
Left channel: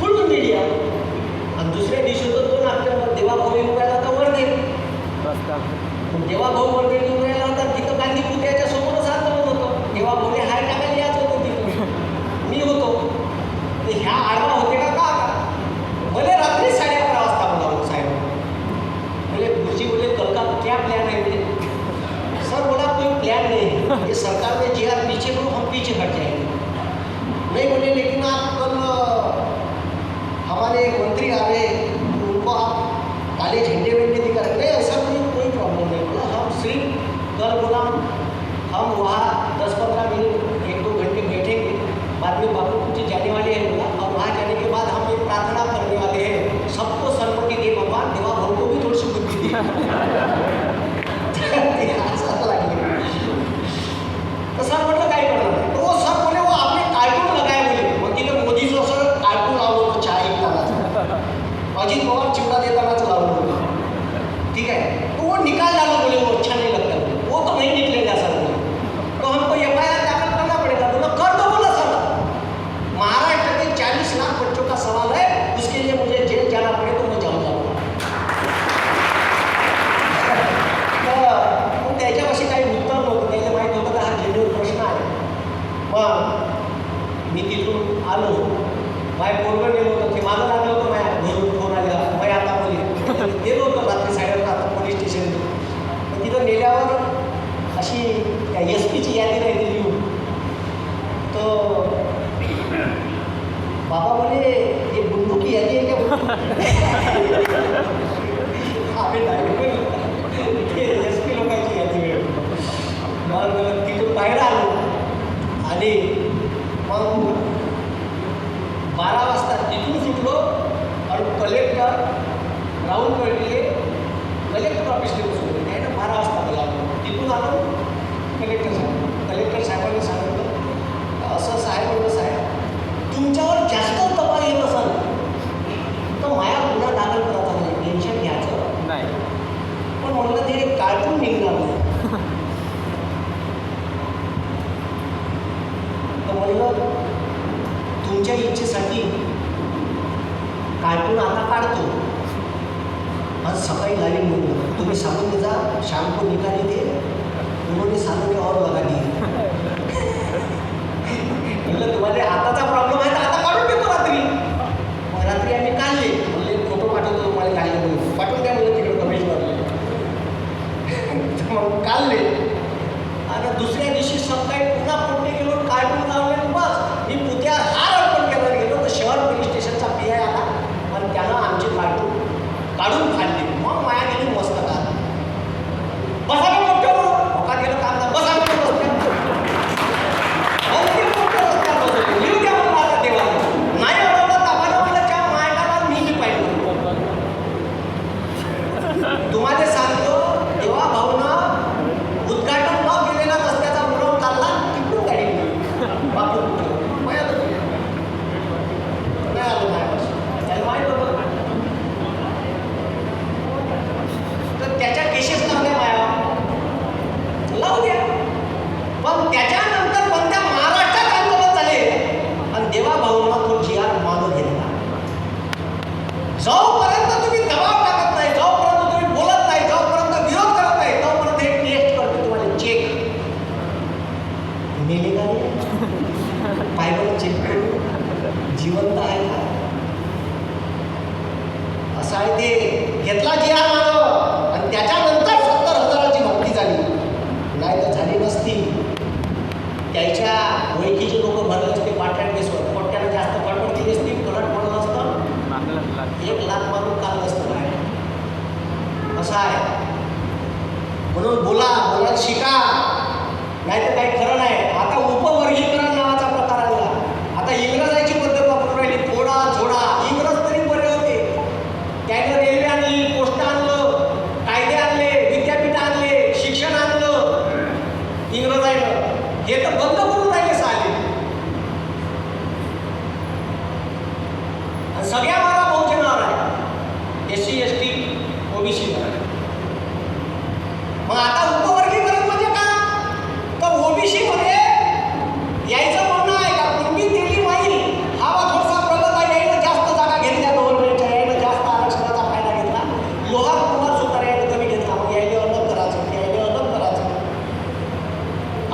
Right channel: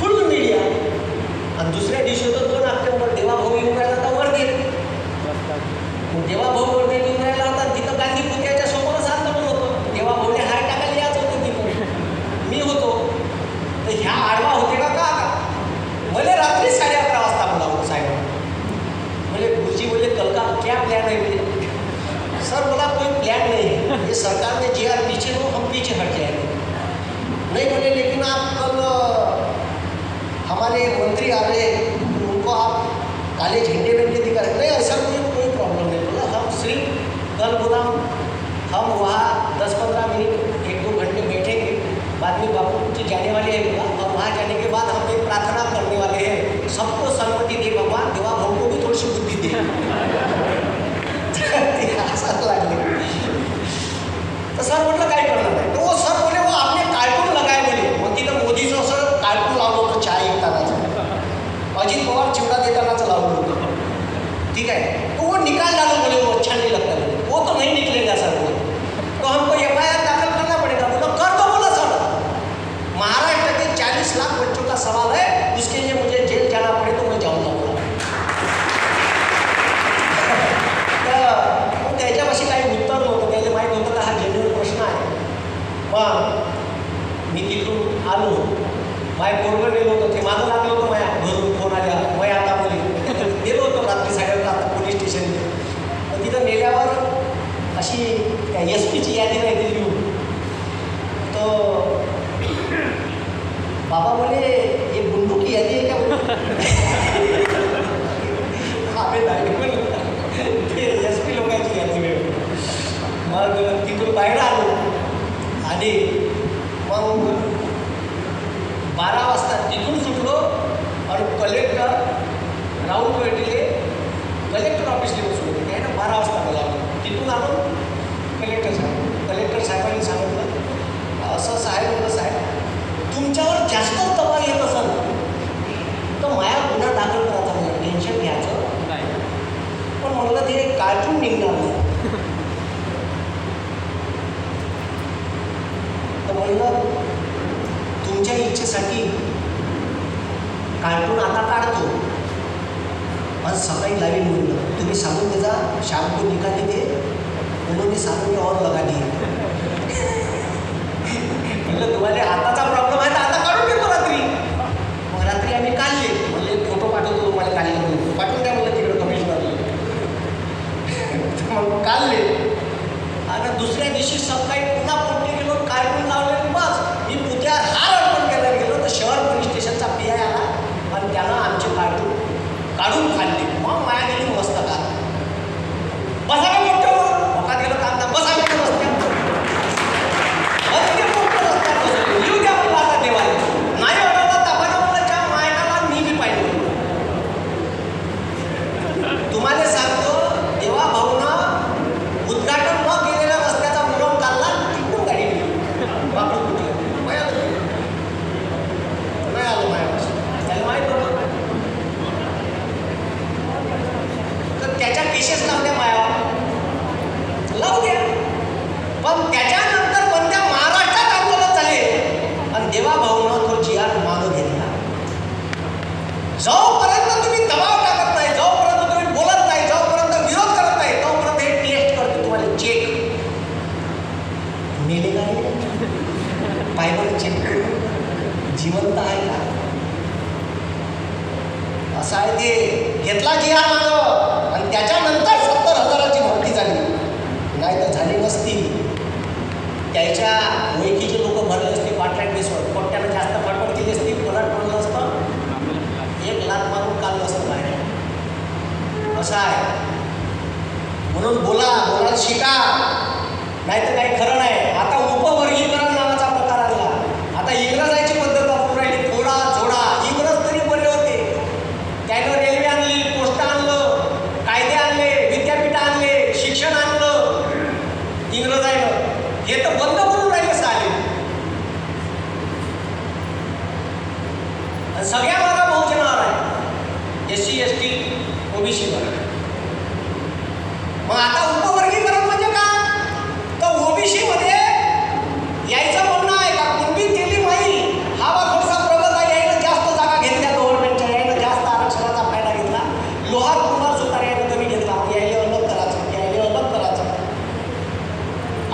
फुल मीडिया. आणि दुसऱ्या दिवशी होतं 2 ऑक्टोबर देवाभाऊ येऊन राहिला होता वर्धे. देवाभाऊ वर्धे येऊन राहिला होता तिथं गांधी पुतळ्याच्या समोरच आंदोलन होतं. देवाभाऊने हार टाकायला याच होतं तिथं, मी होतो. तर ह्या आडवा होते का मला रात्री 11:30 वाजता बोलावं साहेब. म्हणजे गुरुजी बोलले कल का क्या प्लॅन है मेरे. सर बोला कोई प्लान नहीं है, ये सरकार ने जे आप नीचे हो हम पीछे हट जाएंगे. नहीं बोले लेकिन आप कल हमारे मंत्री आ रहे उनको आप काले झंडे वेंडे दिखा नहीं ऐसा कोई प्रॉब्लम नहीं. बोला हम सिर्फ कल बोला हम वहाँ 10-15 मिनट 1-2 घंटे बैठेंगे, बाद में बापू कुछ जाने वाले हैं. बोला और वहाँ जाने के बाद हम एक प्रार्थना करने वाले हैं, सबको सम्मति दे भगवान, देवा भाऊ को भी थोड़ी सी बुद्धि दे. असं लागलं. तर सर म्हटलं काय करणार नाही. तो सर बोले वो आपने कार्टून लगाय बोले. मग तिथं मोदीचं असं कार्टून लावलं होतं चहा ऐकतानाचं, अजित पवार चिवडा देतानाचं लावलं होतं, ठीक आहे. तो वो निकाल डालो बोले वो अच्छा नहीं लगता बोले. वो तो नहीं निकलेगा सर बोले. तो हमको FIR दाखिल करना पड़ेगा. बोला कर दो बोला सर. महाराष्ट्र के 40 लाख बच्चों का सवाल है, उसके लिए मुझे जेल जाना पड़े तो मैं जाऊँगा. तर त्याच्यापाशी काही उत्तर नव्हतं. त्याला माहीत होतं का हा जेन्युइन प्रश्न आहे. पण मी तिथून आलो, माझ्या पोरगं गेलो होतं, ते मागं लागलं होतं माझ्या घरून फोन आल्या मग आता बोली गेलो होतो रात्री 11:30 आता पोलीस स्टेशनला. पण तिथं गेल्यावर अशी SP ची यादी नाही दिली लिहून. तर बाबा बोले ये गुंडों की यादी है क्या. आम्ही ते SP लोकांची यादी मिळतो. मग तिथून बाहेर आलो आणि मग 12 वाजता तिथून सुटलो आणि कलेक्टर राऊंड पेटीले कलेक्टर ऑफिसला सोडले. त्याने 12 वाजता मला तिथून आलो कलेक्टर साहेबांनी सांगितलं असं साहेब होतं साहेब तुमच्यावर जास्त दबाव येत असाल तर माझ्या गुन्हा दाखल करायचा नाही, टेन्शन घ्यायचं नाही. पण म्हणलं ते कार्टून निघणार नाही. तर म्हणलं तुमच्या इच्छेसाठी कार्टून आता काढतो आज सकाळी लाईन म्हणलं तुम्ही सांगून त्याचा शाम को निकाल देते उन्होंने सालों और लगा दिया. म्हणलं तुम्हाला हाताचा प्रॉब्लेम आहे तर आता काढून देतो रात्री. मग रात्री आम्ही काढले. म्हणले फोटो पाठवतो तुम्हाला काढले म्हणून पाठवून द्या म्हणलं तिकडे कमिशनरला. मग काढले आणि दुसऱ्या दिवशी सकाळी पुन्हा पोटे गेलो कार्टून लावले. बस मी पुत्या हार अर्पण करायला गेलो तर शहर पोलीस स्टेशनचा PI आला आणि त्यांना आमचे कार्टून काढून काढले. मग माया गेली मस्त का बसा का मोठं बसा का बसते लिहू द्या काय असं आहे ते. घेतला जी आर मानव आणि त्याच्यानंतर 70,000ची भरती झाली, नाही तर झाली नसती. त्याच्या ओळखीचे लोक भरले असते कॉन्ट्रॅक्ट बेसवर, कोट्यानं जास्त कॉन्ट्रॅक्ट केली असती, कोणाला पडलं असतं 1,00,000 मारून काढलं असतं बाहेर. असं आहे. म्हणून बोलायला शिका, नाही तर काही खरं नाही. आता उपवर्गीकरण नावाचा प्रकार आला. आता इंग्रजाची पद्धत वापरून राहिली, थोडा झोडा. इंग्रज तरी बरे होते, त्यानं रेल्वे आणली, पोस्ट आणलं, कायदे आणले, विद्यापीठ आणले, शिक्षण आणलं इंग्रजांनं. हे तर बंद करून राहिले सारे. आणि सगळ्या मागा बहुजनावर आहे, SC ST OBC वर. मग आता उपवर्गीकरण म्हणजे काय? तर ओबीसी मध्ये यायचं म्हणणं आहे का कुणबी दिली माई हा थोडासा प्रगत आहे, यायला जास्त जागा घेतल्या गव्हर्नमेंटच्या, यायला जास्त आरक्षणाचा फायदा घेतला. लोहार कुमार सुतार यायला कमी घेतला, यायला अलग करायचं, यायला अलग करायचं.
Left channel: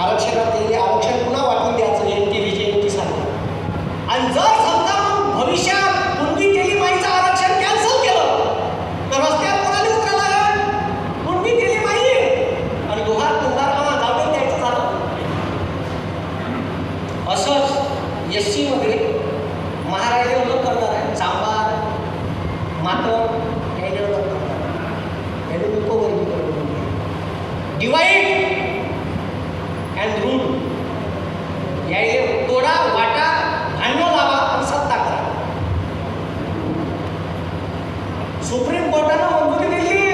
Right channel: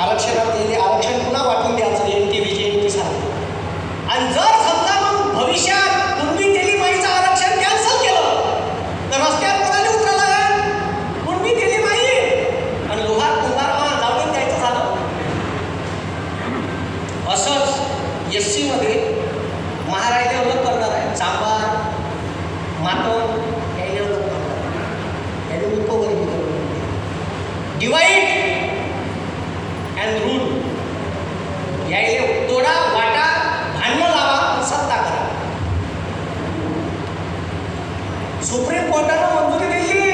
आरक्षण पुन्हा वाटून द्यायचं NTVG सारखं. आणि जर समजा मग भविष्यात कुणबी दिली माईचं आरक्षण कॅन्सल केलं तर रस्त्यावर कोणाला उतरायला लागेल? कुणबी दिली माई आणि लोहार कुंभाराला जाऊन द्यायचं झालं. असंच SC मध्ये महाराष्ट्र अलग करणार आहे, चांभार मातम यायला अलग करणार आहे. याने उपवर्गीकरण डिवाइड अँड रूल. यायले तोडा वाटा भांडणं लावा आणि सत्ता करा. सुप्रीम कोर्टानं मंजुरी दिली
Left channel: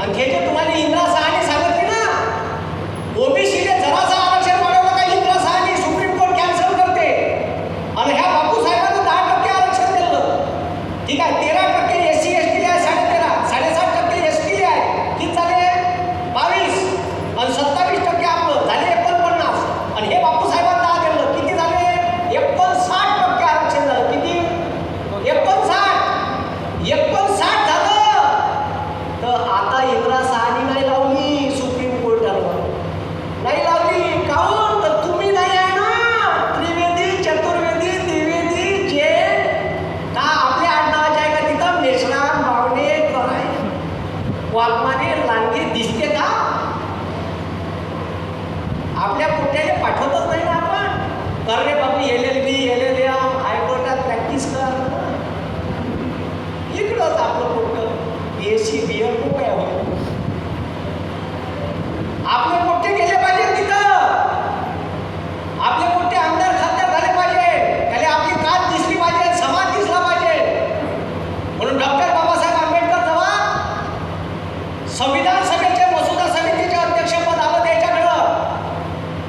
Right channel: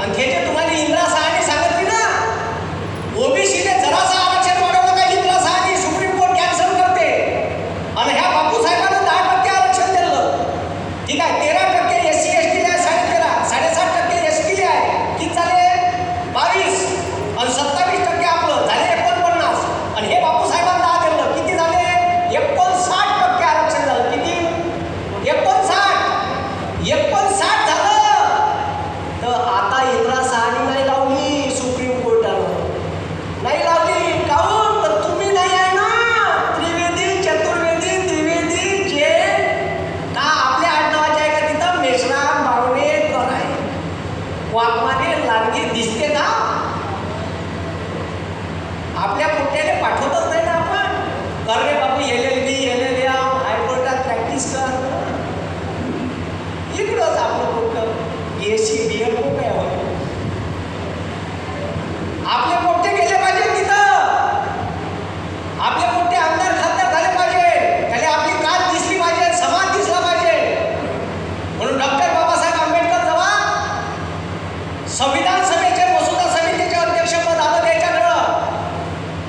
आणि हे जे तुम्हाला इंदिरा शहाने सांगितले ना, ओबीसीने जरासा आरक्षण वाढवलं का इंदिरा शहाने सुप्रीम कोर्ट कॅन्सल करते. आणि ह्या बापू साहेबांना 10% आरक्षण दिलं. ठीक आहे, 13% SC ST आहे, 13.5 7.5% ST आहे. किती झाले? 22 आणि 27% आपलं झाले 49. आणि हे बापू साहेबांना 10 दिलं, किती झाले? 59% आरक्षण झालं. किती? 59 झालं. तर आता इंदिरा शहानी नाही लावली सुप्रीम कोर्टानं, नाही लावली. काहून? तर तुम्ही नाही आहे ना त्रिवेदी, चतुर्वेदी, त्रिवेदी जे का आपल्या आडनावाचे आहे का तिथं? मेश्राम, बावणे, आहे वाघमारे, लांडगे दिसते का? आपल्या कुठल्याने पाठवतच नाही ना आपण. कर रे बाबू LLB LLM हायकोर्टात प्रॅक्टिस कर. इकडंच आपलं कुठं BSc BL कुठं आहे? आपले मोठे गेले पाहिजे तिथं. आपले मोठे आमदार खासदार झाले पाहिजे, त्याला आपली कात दिसली पाहिजे, समाज दिसला पाहिजे. म्हणून डॉक्टर बाबासाहेब आंबेडकर जेव्हा संविधान सभेचे मसुदा समितीचे अध्यक्षपद आलं त्याच्याकडं,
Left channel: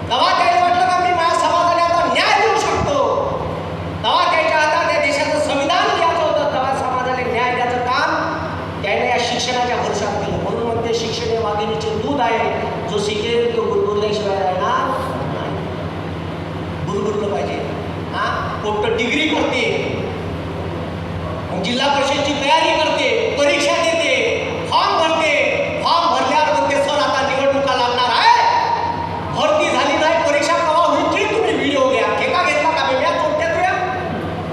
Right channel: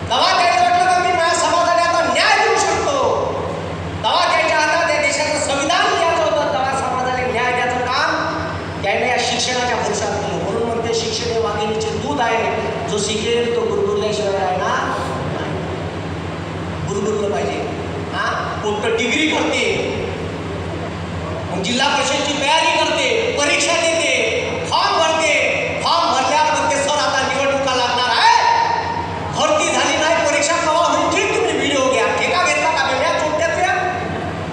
तेव्हा त्याला वाटलं का मी माझ्या समाजाला आता न्याय देऊ शकतो. तेव्हा त्याच्या हातात या देशाचं संविधान लिहायचं होतं. तेव्हा समाजाला न्याय द्यायचं काम त्याने या शिक्षणाच्या भरवशावर केलं. म्हणून म्हणते शिक्षण हे वाघिणीचे दूध आहे, जो शिकेल तो गुरगुरल्याशिवाय आहे ना, गुरगुरलं पाहिजे. पोट डिग्री करते, जिल्हा परिषदची तयारी करते, परीक्षा देते, फॉर्म भरते. फॉर्म भरल्यावर म्हणते सर आता निवडणुका लागणार आहे, भरती झाली नाही, परीक्षा केव्हा होईल? तुम्ही व्हिडिओ घ्या. ठेका घेतला का बेड्या चोट्या तुया?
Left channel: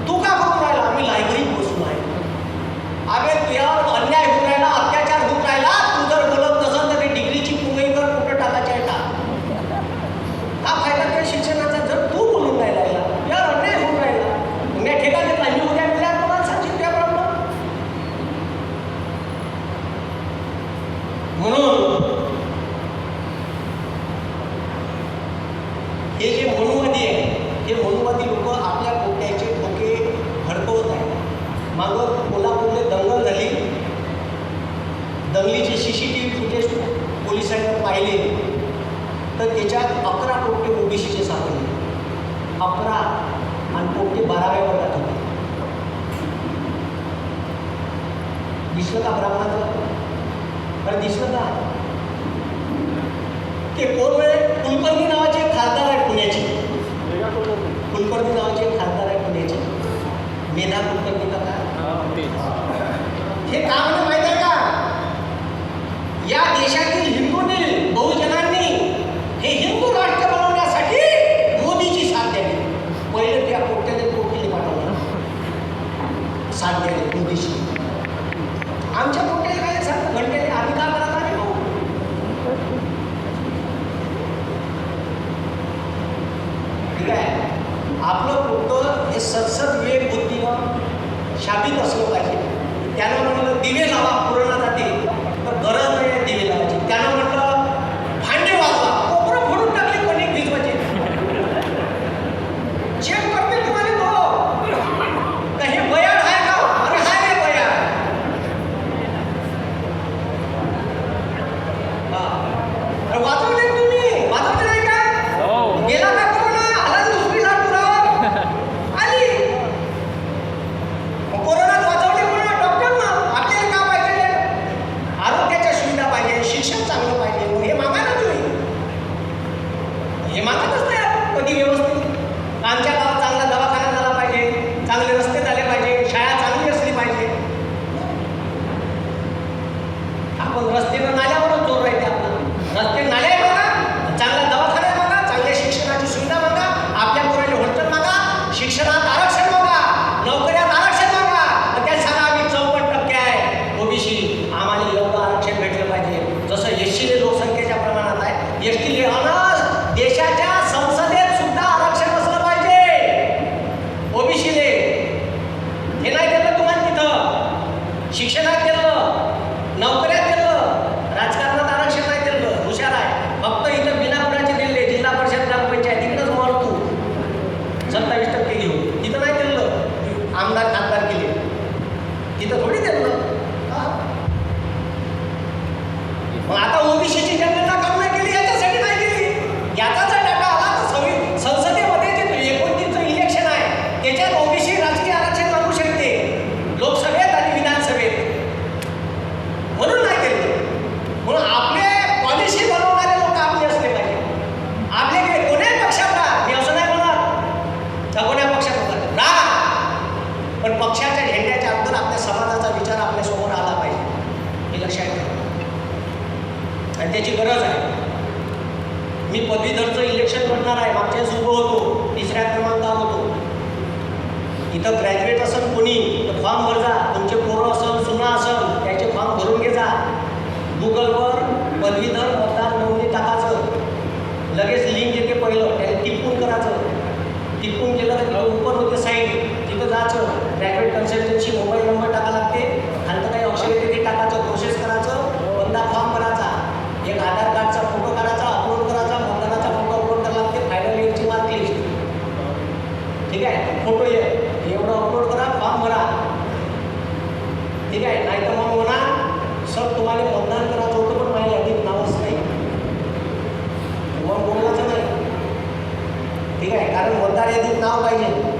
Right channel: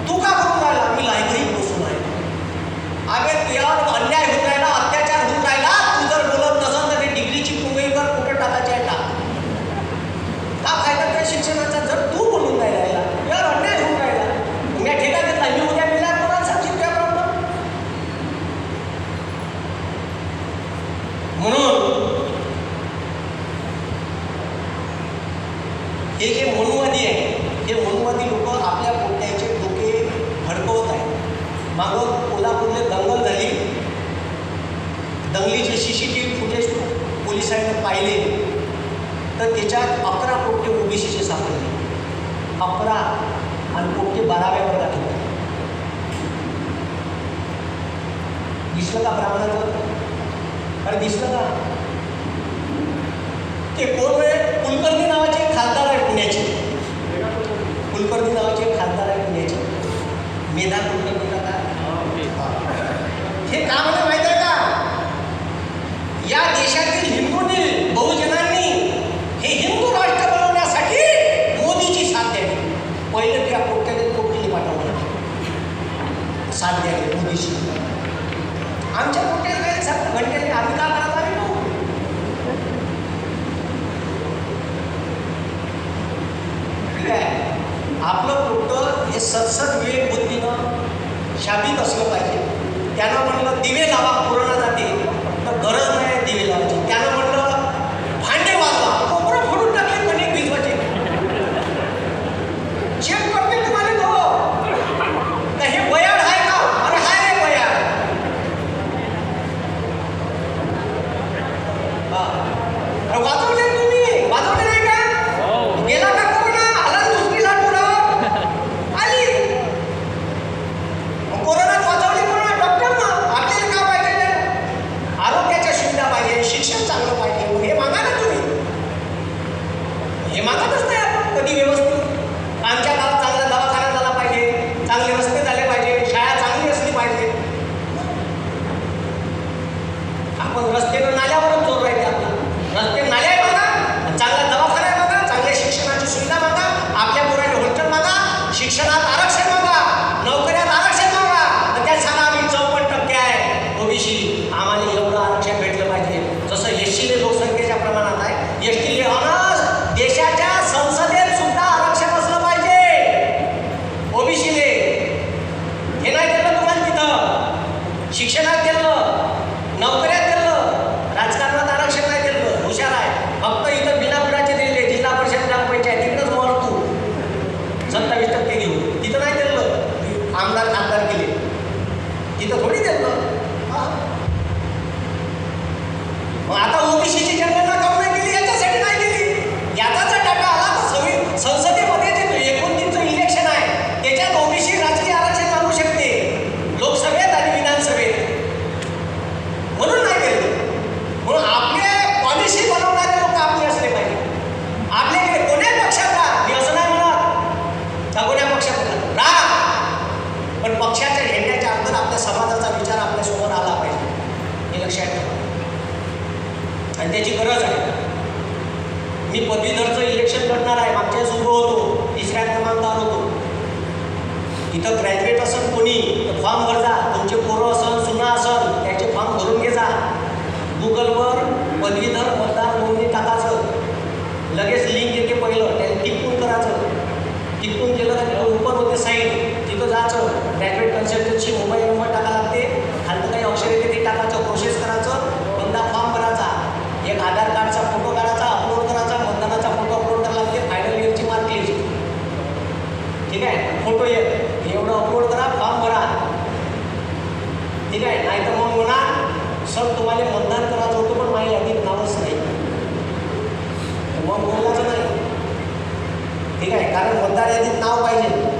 तू का करून राहिला? मी लायब्ररीत बसून आहे. अबे तुझ्यावर अन्याय होऊन राहिला, अत्याचार होऊन राहिला. तू जर बोलत नसेल तर ते डिग्रीची पुंगईवर कुठं टाकायची आहे का? का फायदा त्या शिक्षणाचा जर तू बोलून राहिला? यार अन्याय होऊन राहिला. मी ठेका घेतला, मी उद्या मिळाला कोणाला सांगशील काय प्रॉब्लेम? म्हणून हे जे मनुवादी आहे, हे मनुवादी लोक आपल्या पोट्याचे डोके भडकवत आहेत. मागं कोल्हापूरला दंगल झाली, दंगलीचे CCTV फुटेज पोलिसांनी पाहिले तर त्याच्यात 11 पोट्टे ओबीसीचे सापडले. 11 आणि पोट्टे 12व्या वर्गात होते. दिसलं का ब्राह्मणाचं? अरे दिसलं का? ते कोण वेळ कुलकर्णी नावाचे खासदार आहे पुण्याचे. कुलकर्णी नावाचे खासदार आहे पुण्याचे. मेधा कुलकर्णीला काय हे का म्हणे माहिती आहे का? या देशातील हिंदूंनी, बहुजनांनी हे हिंदू राष्ट्र बनवण्यासाठी मोदीची साथ द्यावी. पहिले त्या पोट्याने पोटली पाठवलं. साथ द्यायला मोदीशी. आमच्या पोट्याला काय सांग घंटे आम्ही का करायला आम्ही पाहू. ठीक आहे. आपलं पोट हे सतसत विवेक बुद्धीनं शाबित असलं पाहिजे. त्यानं म्हणलं दिवे लावा पूर्ण जाते तर गरज नाही दिवे लावायची. त्यानं म्हणलं भांडे वाजवा कोपरं फोडून टाकले कणिक भिजवायचे. चेक करते तुम्हाला तो तर हे बयाड आहे का आणि हाय रे बयाड. हा वाजवले तुम्ही वाजवले नाही का गेला का कोणी आला दुसरी लाटून आली. कोरोनात वाचवले कोण डॉक्टर ना आपल्याला का पाहिजे आरोग्याच्या सुविधा पाहिजे शिक्षण चांगलं पाहिजे हे मागा ना तुम्ही. हे मागतच नाही आपण कधी व्यवस्थित. आमच्या गावात चांगला दवाखाना झाला पाहिजे चांगले रस्ते झाले पाहिजे शाळा चांगली असली पाहिजे. आपण रस्ते नाल्यावरच जोर राहायचा आपला. रस्ते नाल्या बघा चांगला दवाखाना बघा चांगल्या शिक्षणाची सुविधा बघा आपल्या पोरांनी हॉस्टेल बघा शिक्षणात आरक्षण बघा नोकऱ्यात आरक्षण बघा. मग त्यात सांगा आम्ही 54% आहे ओबीसी आम्हाला एवढं आरक्षण भेटलं पाहिजे जसं एससी लोकसंख्येच्या प्रमाणात आहे. एसटी देशाच्या संसदेत सुद्धा आरक्षण असलं पाहिजे ओबीसीले. हे नाही केलं तुम्हाला तिथं शिक्षणात केलं नोकऱ्यात केलं राजकारणात आरक्षण नाही केलं. हुशार आहे फक्त इथं बिनापिडाचे दिले जिल्हा परिषद ग्रामपंचायत तिकडेच मोड तू 27% घेऊन तिथं नाही केलं. आमदार खासदार केले तिथं थोडी केलं. मग आता ओबीसीची जनगणना काऊन नाही केली याच्यासाठी नाही केली. याचा जर डाटा आला तर संसदेमध्ये जे 29चं इलेक्शन आहे त्याच्यात ओबीसी राजकीय आरक्षण आणू शकते लोकसभेत आणि विधानसभेत म्हणून नाही केलं. म्हणून आपले पॉलिसी बनवणारे लोक आपले असले पाहिजे. आपल्याकडे कोण्याही पक्षात राहा मी असं नाही म्हणत का कोण्या पक्षात राहा पण पक्षाच्या झेंड्याच्या अगोदर आपल्या समाजाचा विचार आपल्यासमोर आला पाहिजे हे लक्षात ठेवा आणि त्याची गरज आहे. मी पदवीधरचं इलेक्शन लढणार आहे मागच्या वेळेस उभं होतो 3ऱ्या क्रमांकावर होतो. इथं ग्रॅज्युएट असेल कोणी तर फॉर्म भर जा तुमचे पोरं असन सुना असन त्याचे फॉर्म भरून घे जा. गुगलवर पदवीधर मतदार नोंदणी टाकायचं लगेच लिंक येते पहिलं त्याला टिपून करायचं. टिपून केलं तर ओपन होते साईट तिथं जायचं ग्रॅज्युएट कन्सल्टन्सी मोबाईल नंबर टाका लागते खालतं काही अक्षर येते ते टाकायचं प्रोसेस करायचं बंदा फॉर्म भरायचा. एक आधार कार्डचा फोटो काढायचा अपलोड करायचा मतदानाचा फोटो अपलोड करायला लागते फायनल इयरची मार्क लिस्ट. ठीक आहे फोटो एवढं अपलोड करा फॉर्म भरा. ठीक आहे नाही तर मग म्हणा सर तुम्हाला मतदान करायचं होतं पण माझ्या यादीत नावच नाही मग बोलायचं नाही. ठीक आहे कारण मतदार यादीत नाव पाहिजे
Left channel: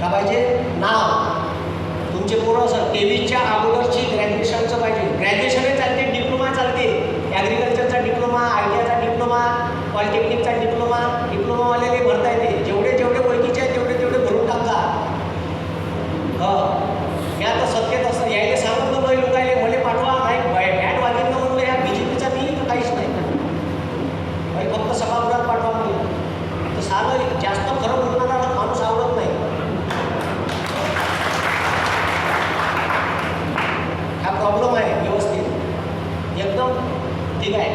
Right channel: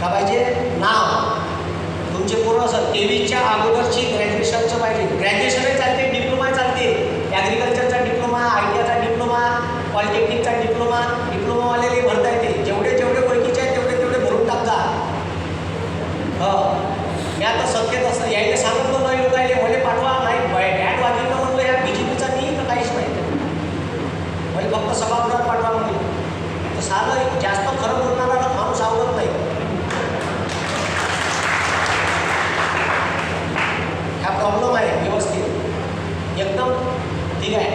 का पाहिजे नाव. तुमचे पोरं असं 23च्या अगोदरची ग्रॅज्युएशनचं पाहिजे. ग्रॅज्युएशनही चालते डिप्लोमा चालते ॲग्रिकल्चरचा डिप्लोमा ITIचा डिप्लोमा पॉलिटेक्निकचा डिप्लोमावाले भरता येते. जेवढे ओळखीचे आहेत तेवढे भरून टाकता. मी आता सत्तेत असतं यायला सांगितलं नाही काय मला पाठवा नाही बॅट वागितलं म्हणलं या BJPचा नाही तर काहीच नाही म्हणजे फक्त सभागृहात पाठवा म्हणलं तर सारं जास्त खरं बोलणारा माणूस आवडत नाही. हा प्रॉब्लेम आहे व्यवस्थित एकदम. ठीक आहे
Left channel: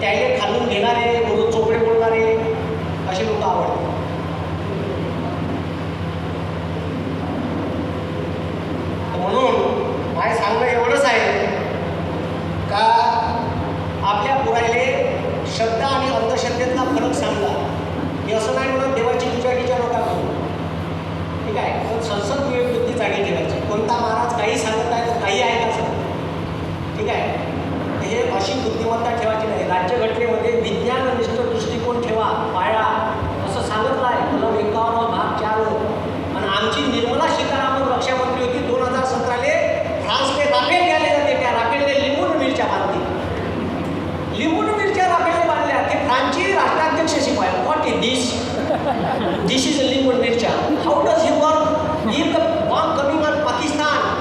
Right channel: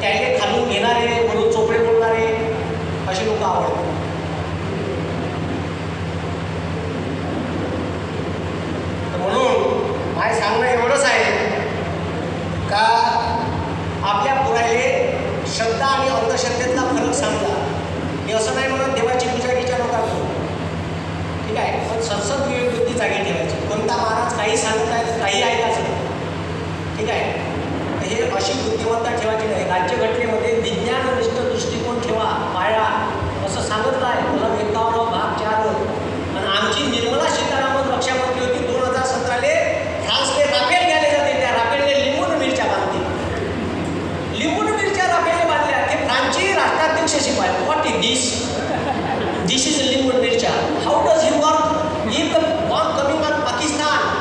त्याले खालून घेणारे वरून चोपडे बोलणारे असे लोक आवडतात. म्हणून माझे सांगणं एवढंच आहे का आपल्या पोराले श्रद्धा आणि अंधश्रद्धेतला फरक सांगला. मी असं नाही म्हणत देवाची पूजा कीच्या नका करू. ठीक आहे पण संसद विवेकबुद्धी जागी ठेवायची. कोणता महाराज काही सांगत आहे तर काही ऐकायचं. ठीक आहे तर हे अशी बुद्धिमत्ता ठेवायची नाही. राज्यघटनेमध्ये विज्ञाननिष्ठ दृष्टिकोन ठेवा पाळा असं सांगितलं आहे. मला 51 भाग 4 आणि आमची निर्मला सीतारामन रक्षामंत्री होती 2017ले फ्रान्सने राफेल घ्यायला जाते त्या राफेलने लिंबून मिरच्या बांधते. लिंबून मिरच्या राफेलने बांधल्या ते फ्रान्सची राष्ट्राध्यक्ष शिकवाय what is this is a लिंबून मिरच्या how does he work if the bomb coming on Pakistan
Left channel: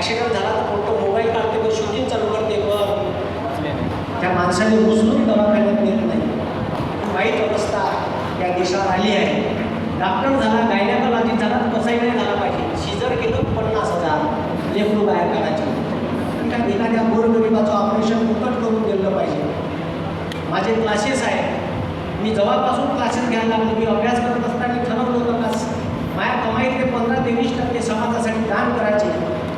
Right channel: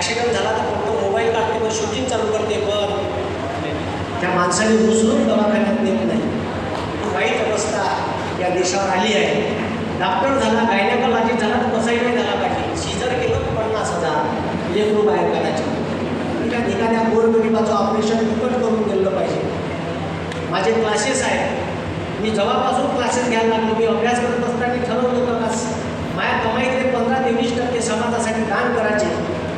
accident झाला तर फक्त मोबाईल काढते तर शूटिंग चालू करते पण त्या माणसाने उचलून दवाखान्यात नेत नाही. खूप वाईट अवस्था या देशावर आली आहे. डॉक्टर झाला, गायनेकॉलॉजिस्ट झाला तर तसंही नाही झाला पाहिजे. सीझर केलं 50,000 लेकरू बाहेर काढायचे. त्या एखाद्या गोरगरिबाचं ऑपरेशन फुकट करून दिलं पाहिजे. माझे क्लासेस आहेत. मी जेव्हापासून क्लासेस घ्यायला लागलो, मी अभ्यास करत असताना ठरवलं होतं का माझ्या कमाईतले 15 ते 20% समाजासाठी दान करायचे.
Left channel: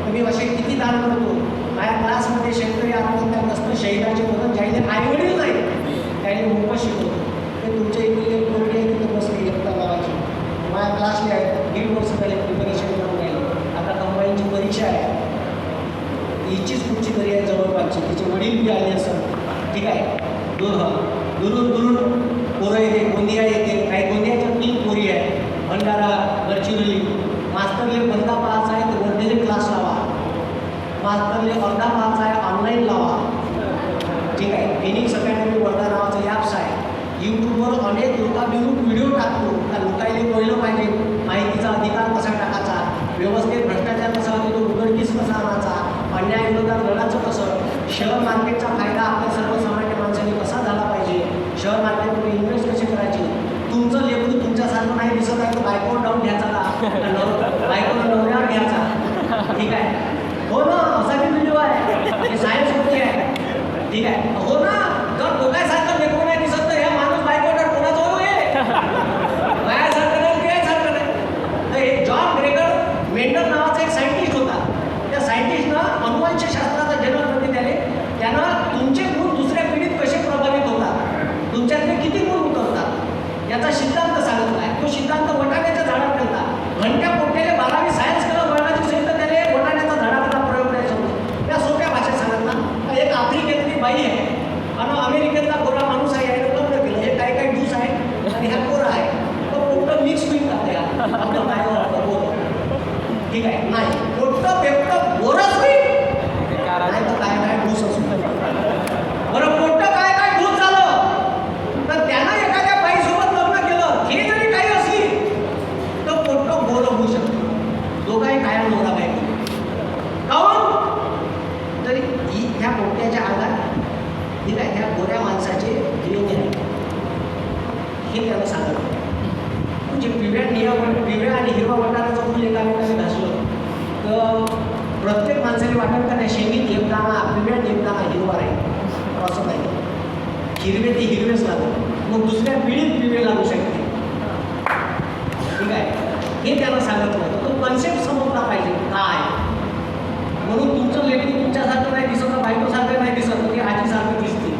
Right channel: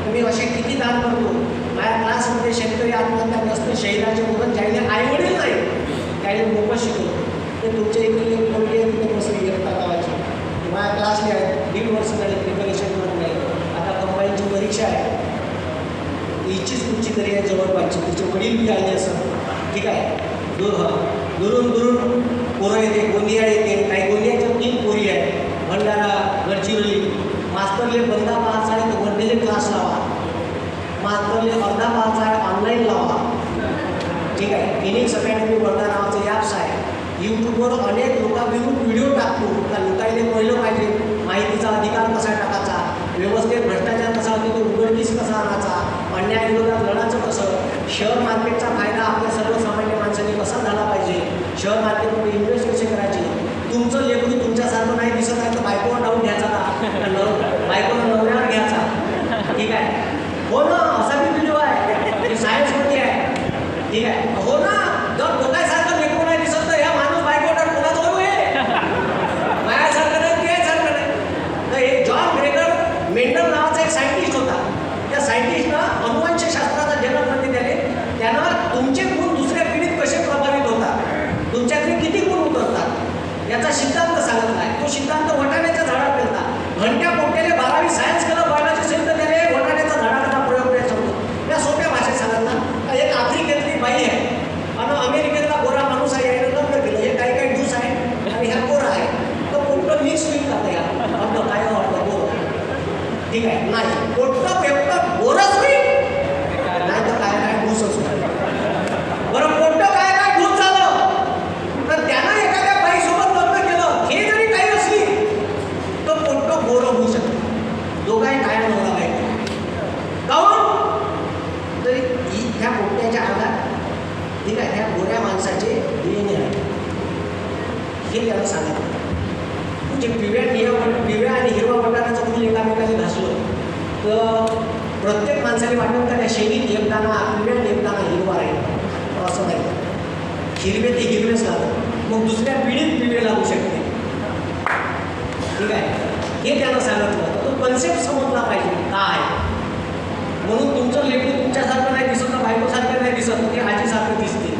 तुम्ही असे किती दान करतो. माझ्या क्लासमध्ये शेतकरी आत्महत्या नसतं, शहराचे मुलं ज्याने आईवडील नाही त्याने मोफत शिकवतो. ते तुमच्या इकडे कोणती आहे तिथे बसून घेता गावाची. माझ्या क्लासले आहेत 1.5 वर्ष झाले प्रिपरेशन करून नाही. आता कंबाईनची परीक्षा आहे. हिचीच कुठची तरी आहे जवळपासची, तिचे वडील बी आले असं ठीक आहे. दुरून दुरून पोरं येते, गोंदिया येते. काही गोंदियाच्या 3 पोरी आहेत, भंडारा, गडचिरोली. मास्तरले बंदा पाहायचा आहे तर वर्धेले क्लास लावा. मास्तरले अर्धा पाहायचा आहे ऑनलाईन लावा. ठीक आहे. फिनिक्स अकॅडमी वर्धा नावाचं ॲप्स आहे. यूट्यूबवर अनेक लोकांविरुद्ध व्हिडिओ टाकतो. त्या लोकांनी पहिलं पाहिजे माहितीचा अधिकार कसा टाकायचा, व्यवस्थित भ्रष्टाचार कसा होतो तो उघडकीस कसा आणायचा, अन्यायाविरोधात लढायचं कसं, शेअर मार्केटचा फायदा आपल्या सर्वसामान्य माणसाने कसा झाला पाहिजे, शेअर मार्केटमध्ये इन्व्हेस्ट कसे करायचे. तुमचं लेकरू तुमच्यासारखं नाही दिसत आहे तर बायकोवर डाऊन घ्यायचा बायकोवर नवऱ्यावर घ्यायचा. ठीक आहे. हो ना, असा की व्हिडिओ आहे हे सायन्समध्ये आहे. ठीक आहे. हो ना, जर दोघांसारखं लेकरू नाही दिसत तर ह्या माणूस बायकोवर कोणाचं होऊ आहे माझ्यासारखं नाही ते सारखं नाही. तर हे जॉन ग्रेगर मेंडल नावाचा एक सायंटिस्ट होता. त्या सायंटिस्टनं अनुवंशशास्त्राचा जन्मपती दिले. त्यानं तुमचे गुण दुसऱ्या पिढीत कसे प्रभावित होतात, तुमच्याकडे किती गुण उतरतात याचा सिद्धांत सांगितला आहे. तो सिद्धांत वटाण्याच्या झाडावर केला. घंट्या पोट्याने 12वी सायन्स केलं, बळाची सेंट त्याने वटाण्याच्या झाडाचा प्रयोग नाही समजतो. त्या सोप्या भाषेत सांगितला. एक आफ्रिकेतली बाई आहे आणि अमेरिकेतला गोरा माणूस आहे, याने लग्न केलं. हे काही काही ज्यूस आहे आणि ह्या गोरा आहे. तो पोट्ट मिक्स होईल का त्या आपलं काय वाटतं गोरं. ठीक आहे. नाही पोट्ट पेपट गोरच नाही तर काय काय ज्यूसच नाही. बरं पोट्ट काय काय ज्यूस झालं तर त्यानं एखाद्या बाईसोबत लग्न केलं, हे जरी काही असली तर पोट्ट गोरं होऊ शकतं. दोघाही काय नवरा काय काऊन तरी ह्या पोट्ट्याच्या अंगात ठीक आहे ह्या गोऱ्या माणसाचे लिंग आहे हे त्याला सांगत होतं. म्हणजे पिवळ्या आणि हिरवा वटाण्याचं फुल एकामेकाने घासलं तर प्रत्येक माणसाने वाटतं का त्या शेणीत एक दाणा पिवळ्यात एक दाणा हिरवा आहे असं नाही. हिरवे ते हिरवेच लागतात, मग दुसऱ्या पिढीत पिवळे लागू शकते. ठीक आहे. हे त्यानं सांगितलं होतं. तो कन्सेप्ट समजला पाहिजे काय. म्हणून तुमचं लेकरू तुमच्यासारखं नाही दिसत, बायकोसारखं नाही दिसत, ते आजीसारखं दिसते,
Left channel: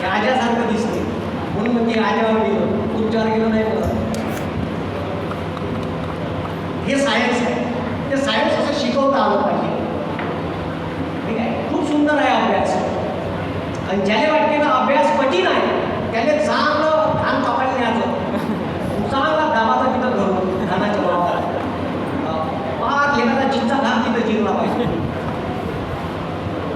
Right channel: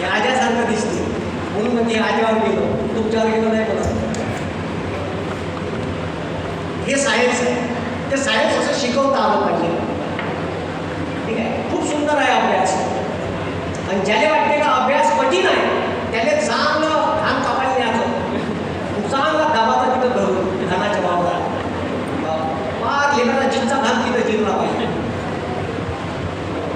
ते आज्यासारखं दिसते. म्हणून म्हणजे आज्यावर गेलं तुमच्यावर गेलं नाही करत. हे सायन्स आहे. ते सायन्स असं शिकवता आलं पाहिजे. ठीक आहे. खूप सुंदर आहे अभ्यास. आणि ज्याला वाटते का अभ्यास कठीण आहे त्याला चांगलं धान कापायला न्यायचं, चांगला दाबाचा तिथं धरून धानाच्या भावाला पाच लेकराला जिंचा धान तिथे जिंकला पाहिजे.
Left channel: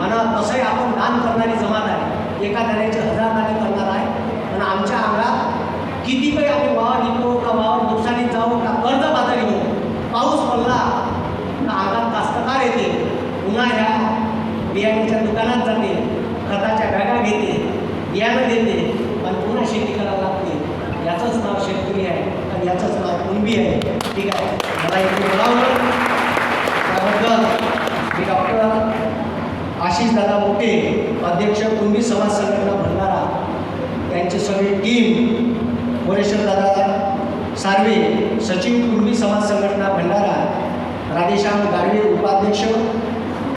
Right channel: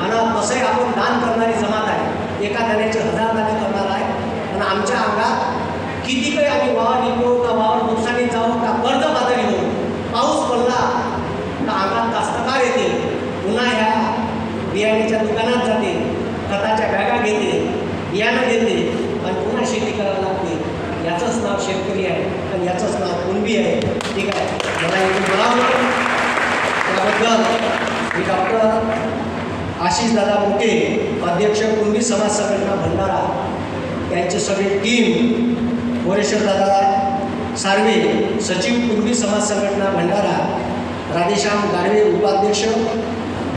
आणि तसंही आपण दान करणारी जमात आहे. एका दाण्याचे 1000 दाणे करणार आहे. पण आमच्या अंगात किती काही आम्ही वावर निघतो का वावर नुकसानी जाऊ का कर्ज पातळी होऊ, पाऊस पडला तर अंगात कास्तकार येते, पुन्हा ह्या बियाण्याच्या दुकानात जाते, खताच्या बॅगा घेते, बियाणं देते आणि पुन्हा शेती करायला लागते. याचंच नाव शेतकरी आहे आणि याचंच नाव कुणबी आहे. ठीक आहे. याला एक बोलावं त्याबद्दल मी डॉक्टर आशिषदादा मोठे, अध्यक्ष कुणबी समाज संघटना भंडारा, त्यांची सगळी टीम, मोरेश्वरदादा सार्वे सचिव कुणबी समाज संघटना भंडारा, राधेश्याम गाडवे उपाध्यक्ष,